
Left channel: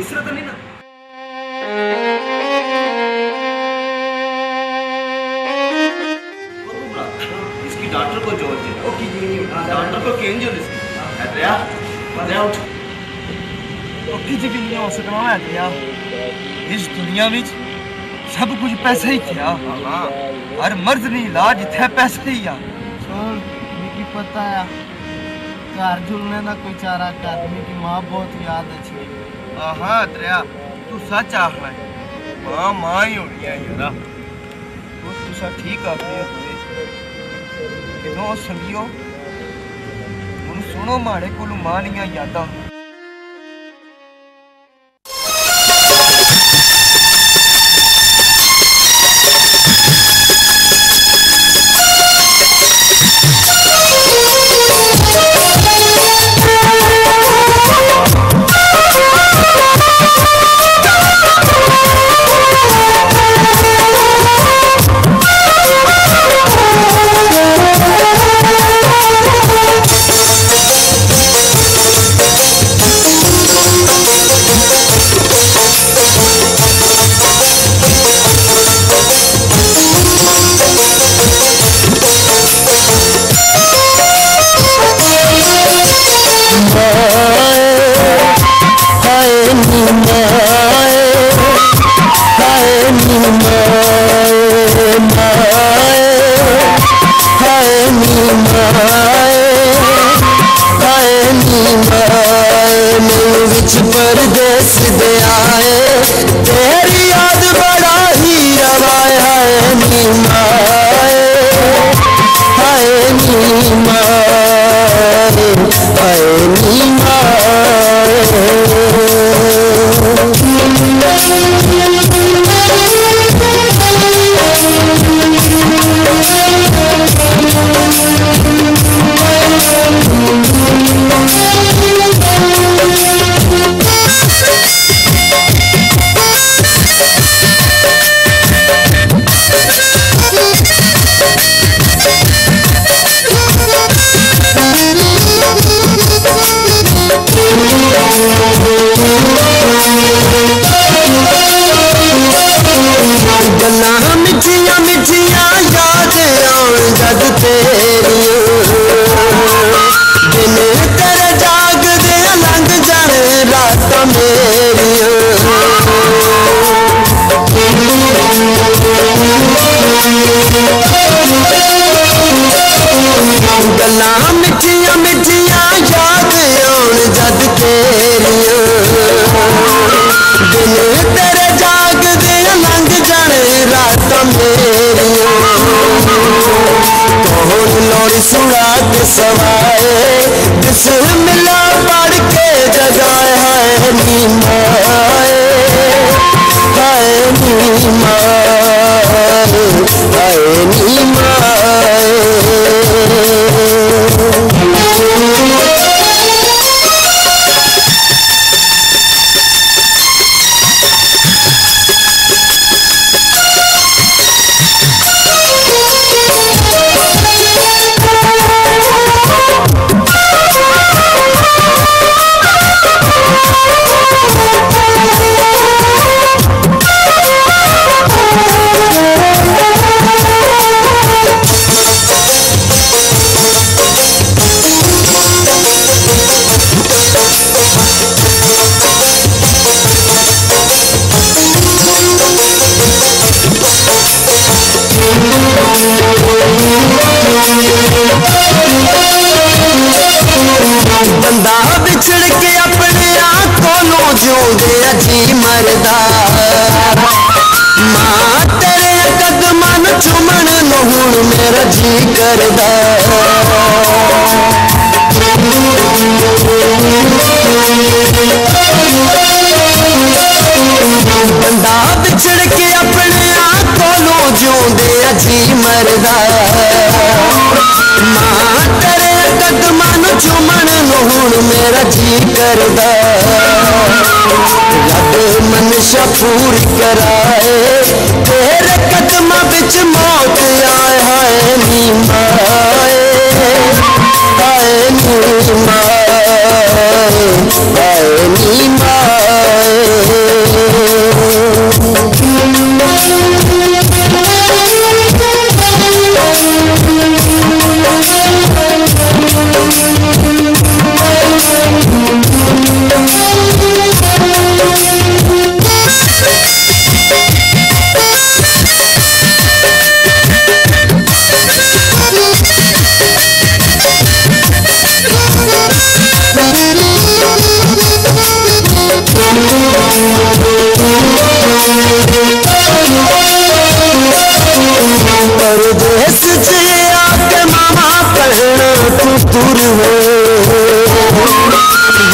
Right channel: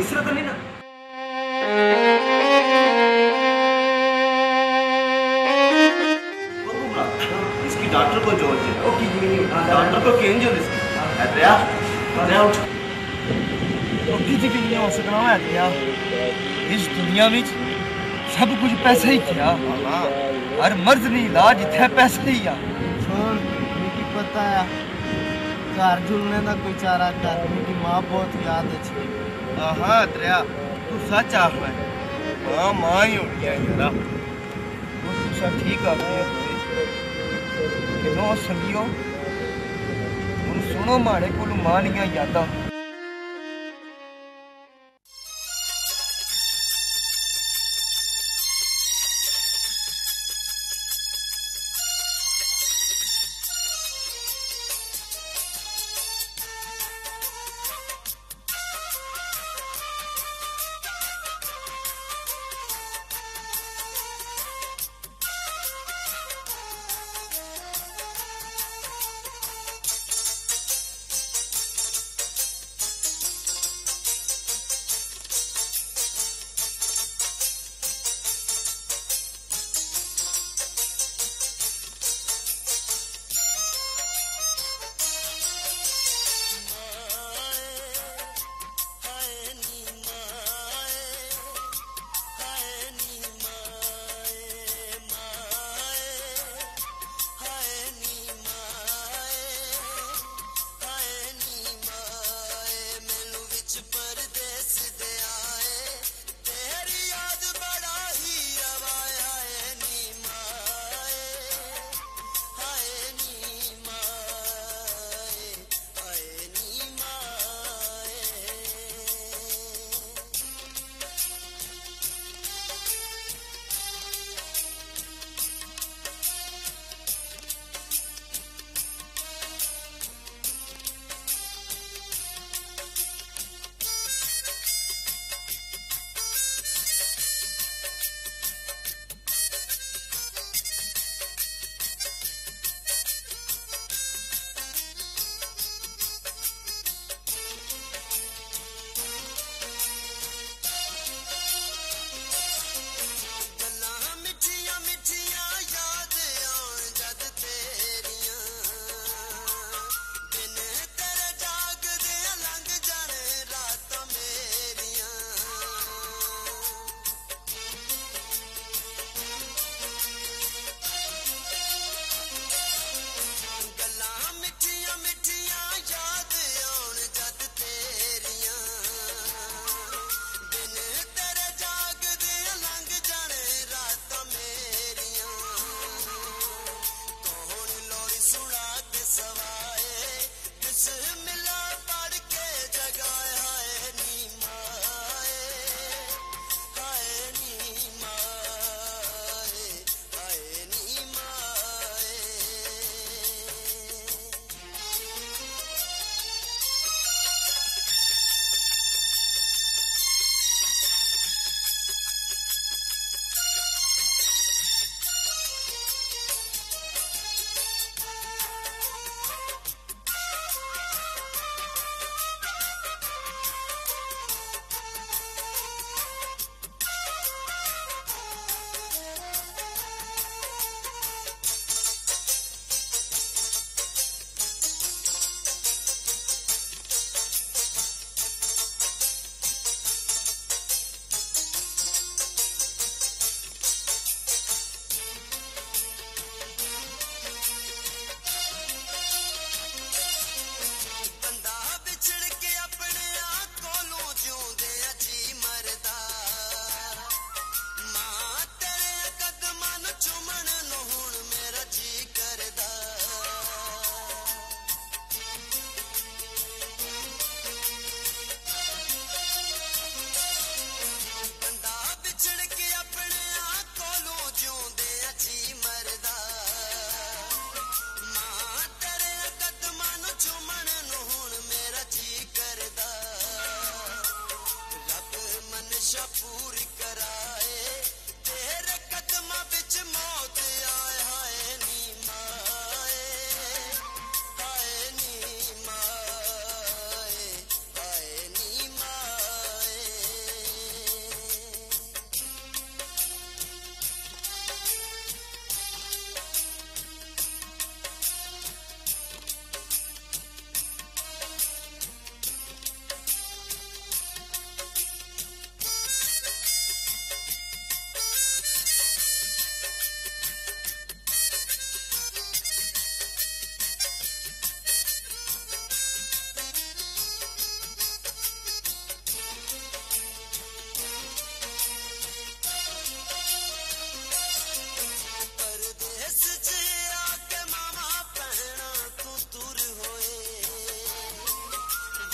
इसरा तो नहीं ना इसकी डॉक्टर को जोड़ दे डॉक्टर को केन जोड़ इसकी अदरिया अदरिया उठ ओकी जी भी नहीं हो सकना है अदरिया इस दुनिया में सब कुछ पैसा ही क्या हर मर्ज नहीं इलाज इथे पैसा ही आ छोड़ मिकी पता है घर झुलने का कोई चारा कर मेरी माँ बहुत याद अच्छी हाँ अदरिया तू सच आख रहा है माँ ही होनी है यारा वो तुसा ठीक आ गई किनो संगियो हुन सुनो माड़े कोल मां दियां यादां बंदा बिछड़ के अपने आप को जिउंदे अजी मरदा मां तेरे कदमां नूं चुमण नूं हुण मेरा जी करदा बंदा बिछड़ के अपने आप को जिउंदे अजी मरदा मां तेरे कदमां नूं चुमण नूं हुण मेरा जी करदा रब मनशा पूरी कराए तेरे कदमां विच मौत आए हाय नी माए हाय नी माए हाय नी परदेस से आके मामा पढ़ना तू दूर हो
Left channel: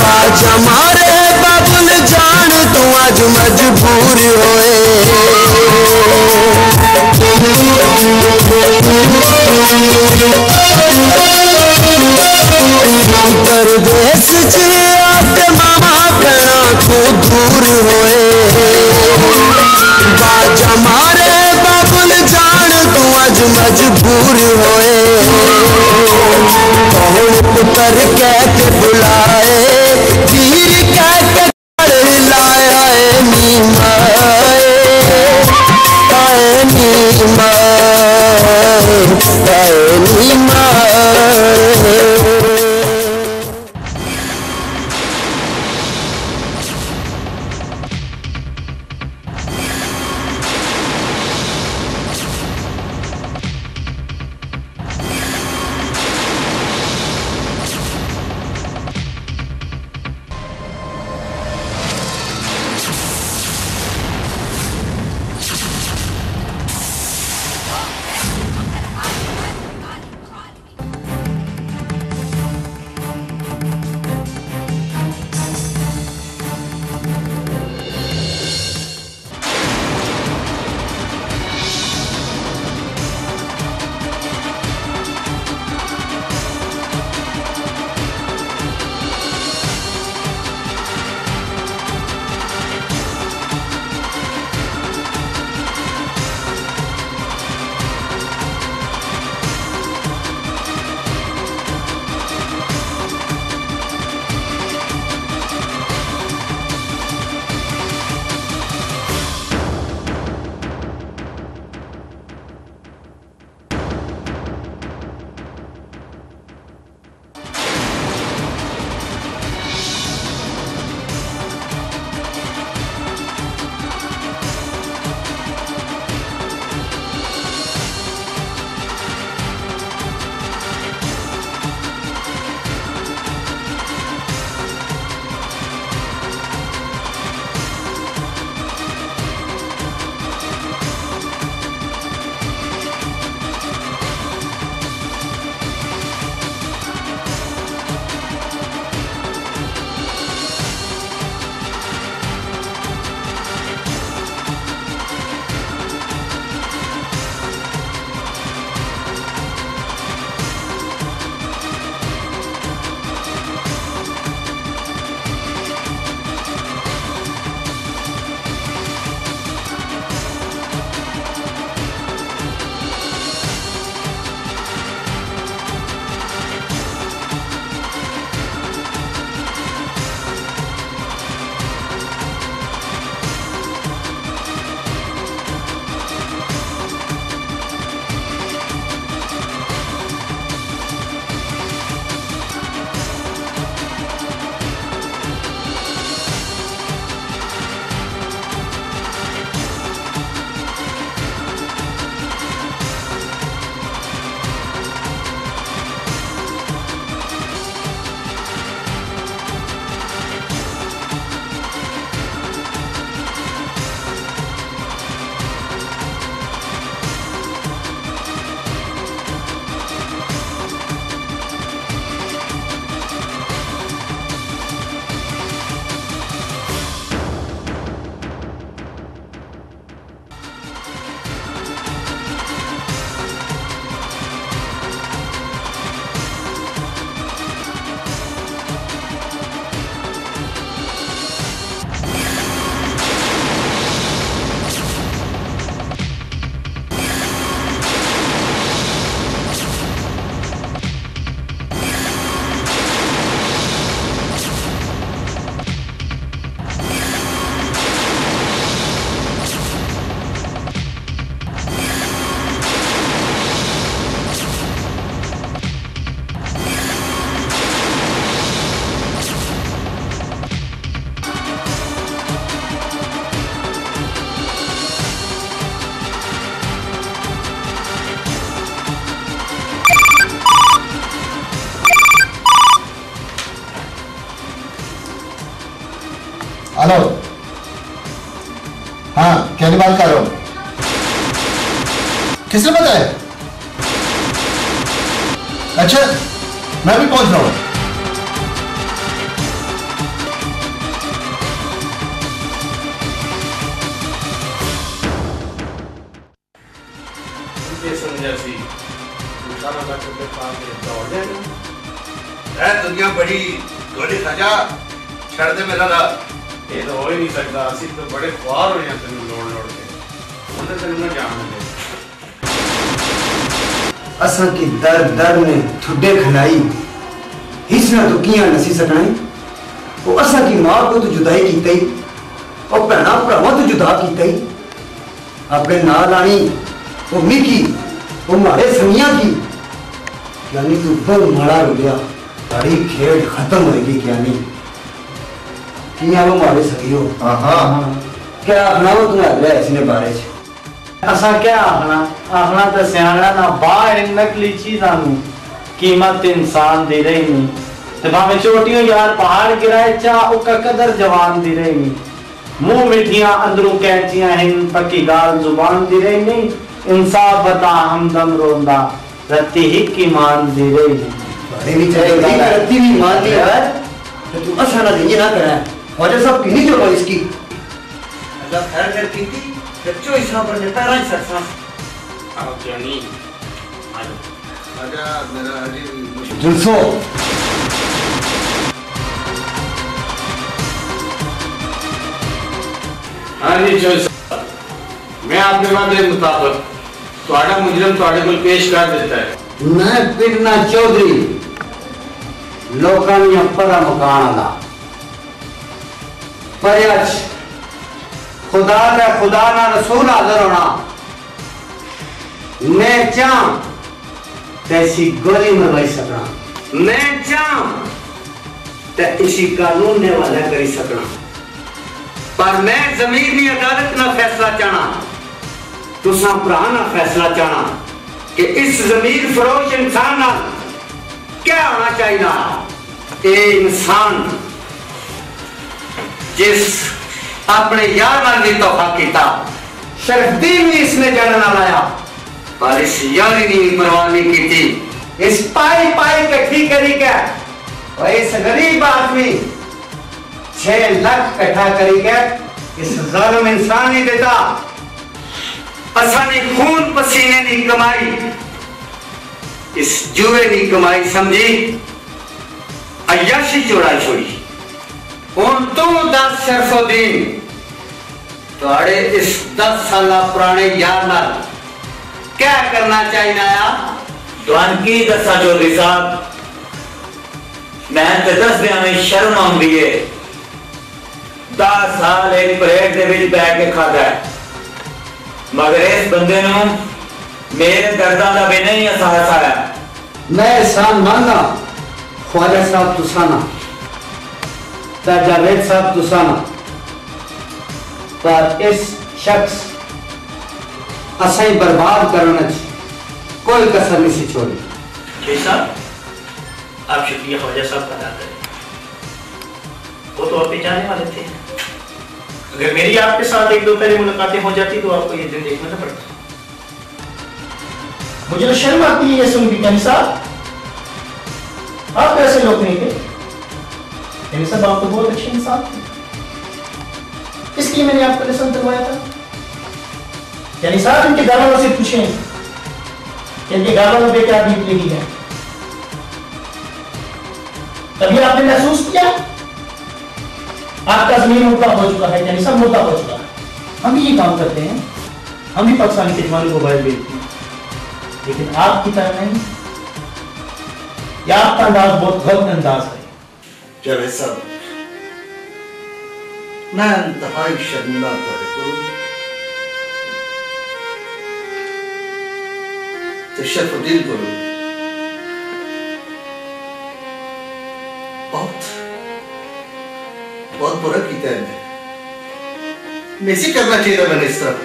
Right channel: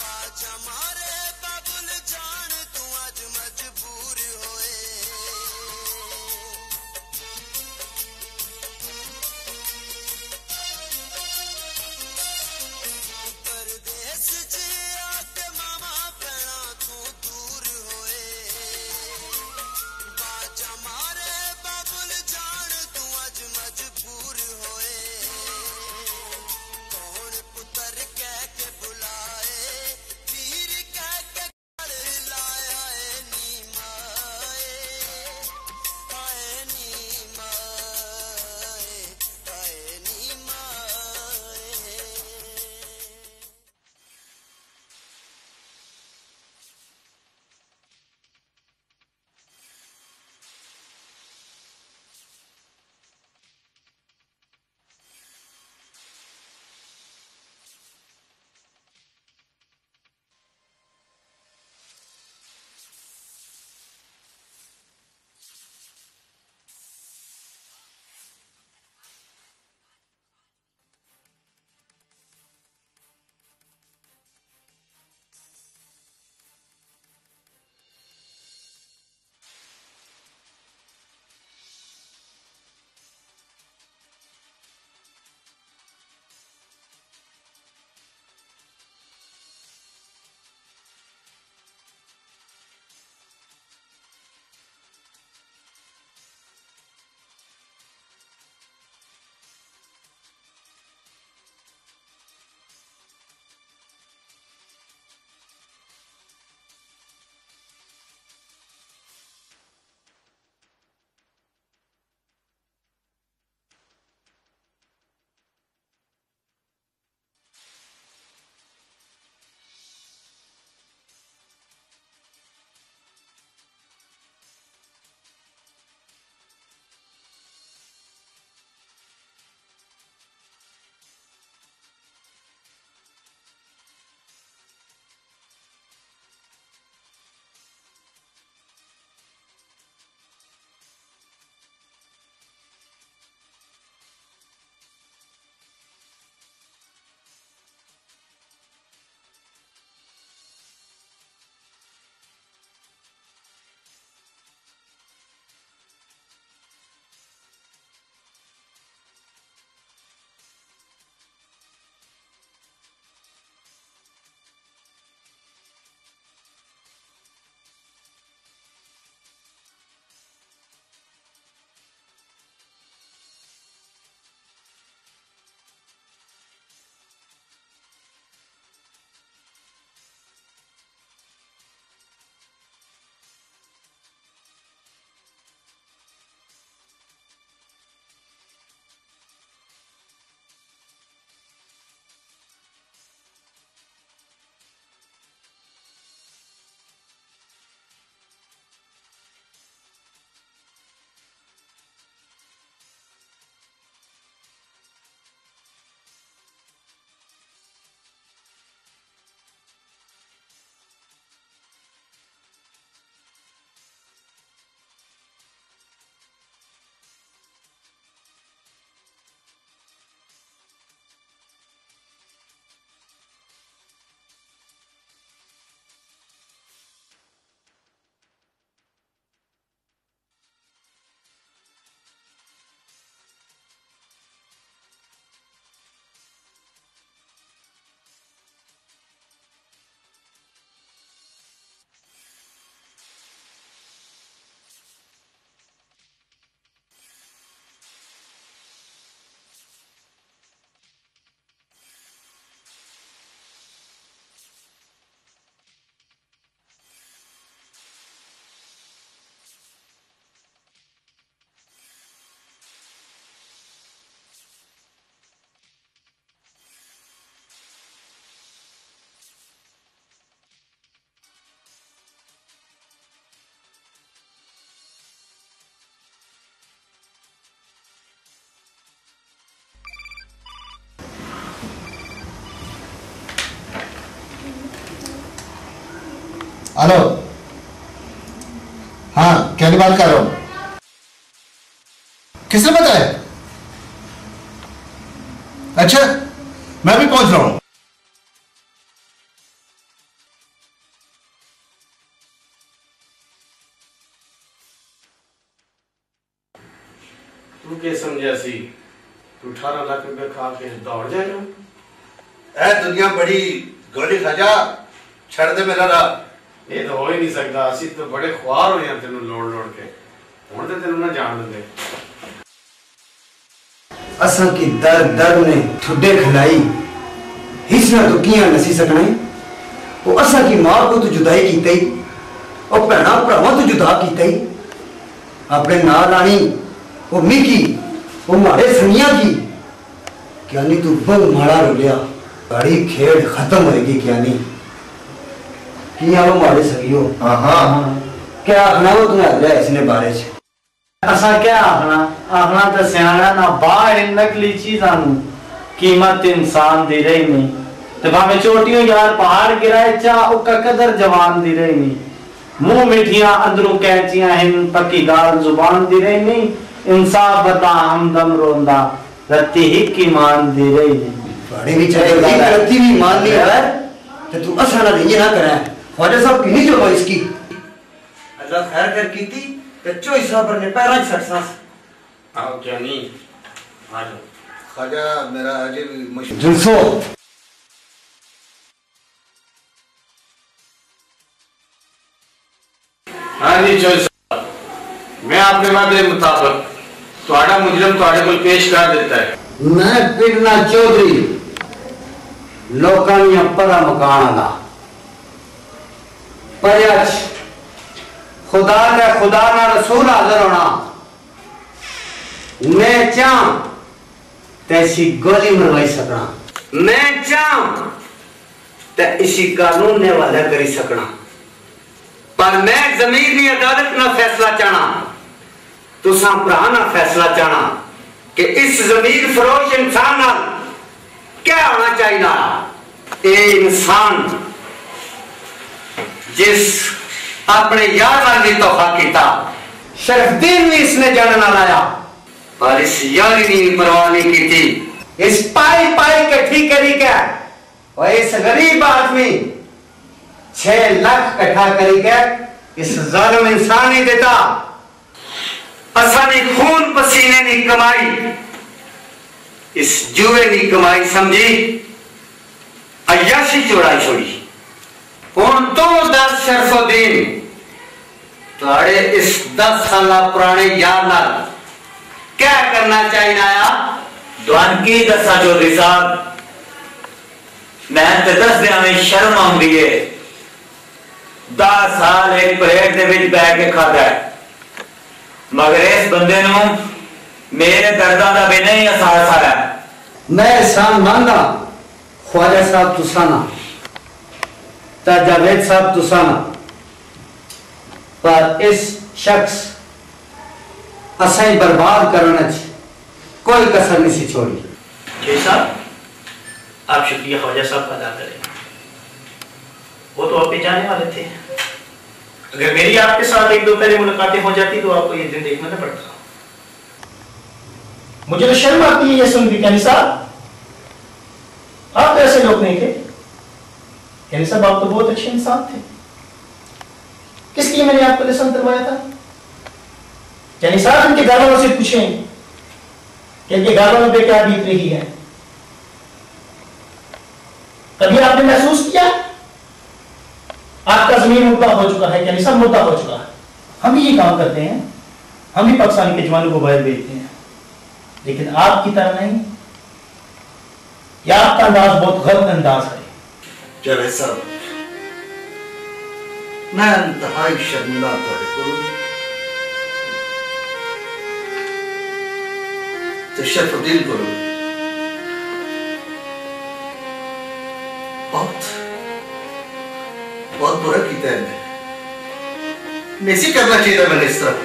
बाजा मारे बाबुल जान तू आज मजबूर होए परदेस से आके मामा पढ़ना तू दूर होए बाजा मारे बाबुल जान तू आज मजबूर होए कौन पुत्र कह के बुलाए वीर कह के लाए हाय नी माए हाय नी माए हाय नी माए हेलो, हाँ क्या बात कर रहा हूँ? किसने बताया? अच्छा, मैं भी पहुंच रहा हूँ। समझा सी 18 लाख रुपए खा के दौड़ जाएगा। दुनिया बड़ी गोली खाजा छड़ दे मेरा रा। ये तो हो ही नहीं सकता। असि तो बड़े ख्वार हो जाते हैं लोड़ लोड़ के। उन्हें तेरे ना जान दे। असा की दर दर ने ठुड्डे खिलाई हिस्सा तो किया नसी सकना है। वो असा की मां को तो जुदाई की तई और भैना भरावां तो जुदा की तई अपने नाल आनी वो मिकी वो मारे संगिया की क्या नहीं तू बहुत माड़ा रोलिया सारी खेड खत्म होएगी क्या नहीं किया वो मारे सगियो। हाँ क्या आखना वो तुम्हें अगला इसने बारे च असा क्या आखना तो सियाना ना बाहर नकली चीज़ां नू कीमत इंसान दी रही नहीं तो भाਵੇਂ चोटियों यार पहाड़ गिराए चा उका कदर जवान दी रही नहीं मुंह मिठियां अंदरों कैंचियां हिन पक्की गाल जुबान दी रही नहीं इंसाफ बता हमदम रोंदा रत्ती ही की मान दी रही नहीं बड़े भी चले रत्ती भी मान ली यार तो तू असा ना ये ना करे ख्वाजा साहब की नहीं जो इसकी अल्लाह खैर कर कीती बच्चों हिसाब ने पैरा सरसा आओ जानी आ जाओ ख्वाजा मेरा अजी मुश्किल जुल्फो हाँ जी चोई साहब मैं आपके वादे मुताबिक ਤੁਹਾਡਾ ਮੁਜਰਮ ਤੁਹਾਡੇ ਕੋਲ ਪੇਸ਼ ਕਰ ਦਿੱਤਾ ਹੈ। मैं पिरना चौधरी लोकां दी परा मकान दा पर आज खुदा का खुदा ना रसूल हाजिर होना मैं चाह तैसी गोली मरवाई सकना मैं चाह ते इसी कानून ने वाला करी सकना पर मैं जमीर दी अदालत ना फैसला चाहना तुसा भरा ना फैसला चाहना कि इस जमीर फरोश इंसान ना क्या होना चाहिए ए इंसान जिस अपने यार नाल भी तोहफा किया शरफदीन भी इसने जान ना लाया पर इस यारी ने परवाह नहीं की थी इस पाई पाई इकट्ठी करी के और इस गरीब आदमी 6 लाख इकट्ठा करी के इस जालिम इंसान नहीं देता असानी खून पसीने नहीं कमाई इस जुए नहीं कमाई समझी अय्याशी चोराई छोड़ी हुन तू दस शरफुद्दीन तुहाड़े इस 10 साल पुराने यार नाल क्या करना चाहिए आया तुहान की दसा चौधरी साहब मैं ते दस दियां में शर्म आउंदी है 10 साल एक परेड दे विच बैठ के खाता है मगर इस बंदे नू मेरे दर्दां दा भी नहीं एहसास आया मैं एहसान मानना ख्वाजा साहब तुसाना ता जावेद साहब तुसाना पर इस शख्स असाई बर्बाद करने कोई कसर नहीं सी छोड़ी जी साहब आप शुक्रिया ख्वाजा साहब का अदा करें वो तो आप जाने वाले थे अगर मेरी आपके साथ एक दो पहले मुलाकातें हो जाती तो आपको ये दिन देखना ना पड़ता मुझे तो शर्म आती है ये सुन के कैनी साहब आप ऐसे लोग नहीं थे कैनी साहब आप तो बहुत अच्छे इंसान थे इसलिए मैंने आपको लेसन करवाया था कैनी साहब इनके घर वालों से पूछें कि इनके घर वालों पे क्या बीत रही है कभी आपने महसूस किया आपका जमीन मुद्दा हो चुका है यानी सब मुद्दा हो चुका है हम भी ये काम करते हैं हम भी पाकिस्तान के जवानों को बाहर भेजते हैं लेकिन आपकी तरह नहीं या आपका अंदाज बहुत गलत अंदाज है जावेद साहब मैं इंतहाई शर्मिंदा तो शरफुद्दीन को बहुत बुरा किया है नहीं करना चाहिए मैंने इस तरह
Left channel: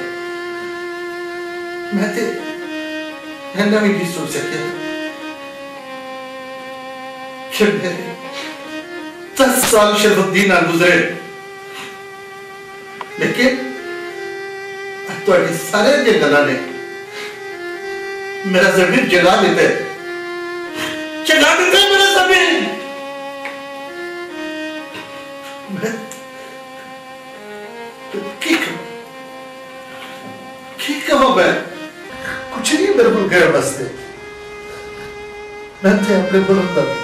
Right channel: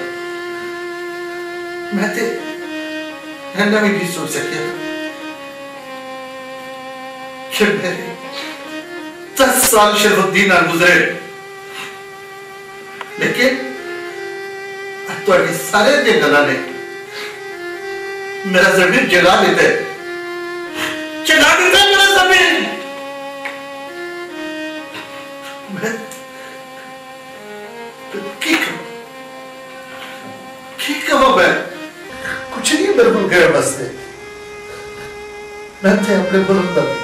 मैं तो भी नहीं सोच सकिया 10 साल शरफुद्दीन गुजरे थोड़ी सारे जे गल्लां ने मेरा जमीन जगा देते मेरा जमीन। मैं की कहो मैं कुछ नहीं मेरे को गैर बसते मैं थे अपने मुल्क दा भी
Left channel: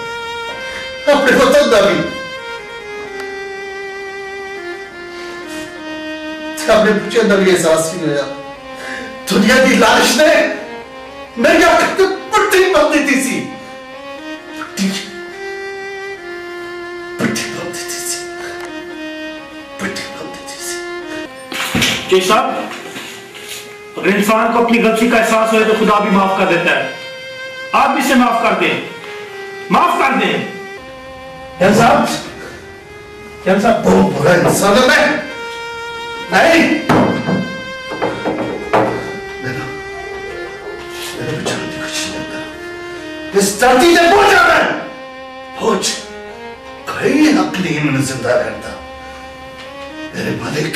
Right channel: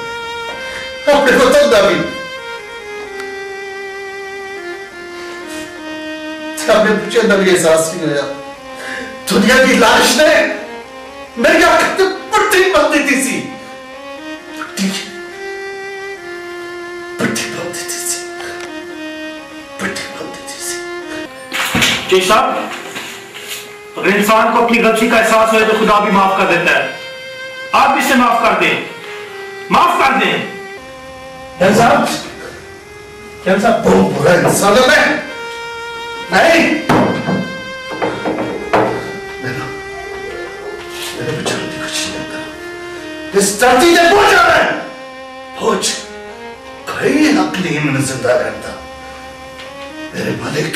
अपने वतन दा भी अपने बच्चे का भी एहसास नहीं होया। दुनिया की लाश ने मेरी आंखों पे पट्टी बांध दी थी पट्टी बांध दी थी पट्टी बांध दी थी। जी साहब, अगर इंसान को अपनी गलती का एहसास हो तो खुदा भी माफ कर देता है। आप भी इसे माफ कर दें, माफ कर दें। क्या साहब बहुत बुरा इंसान है मैं नहीं। मेरे बचाने की कुछ नहीं करो। इस धरती से पहुंच जा रहा है पहुंच कहीं हक नहीं मैंने जिंदा रहता मेरे मालिक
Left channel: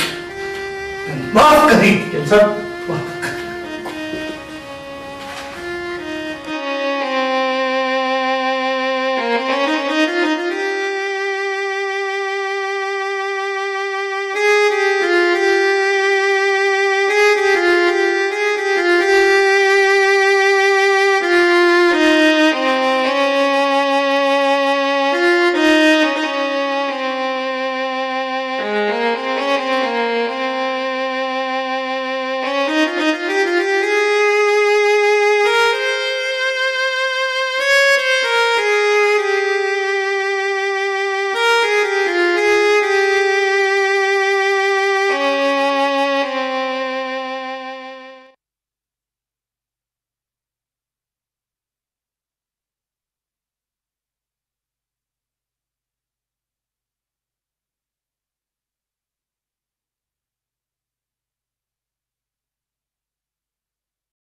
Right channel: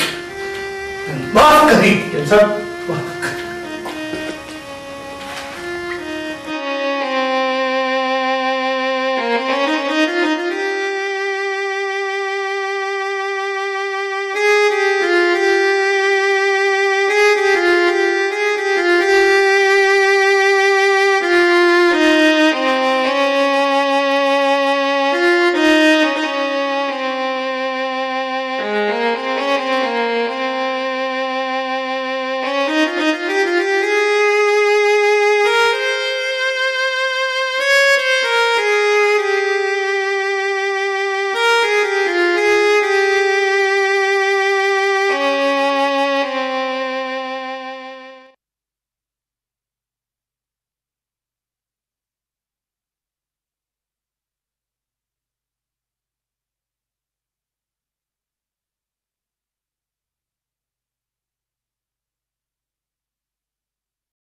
माफ करी। साहब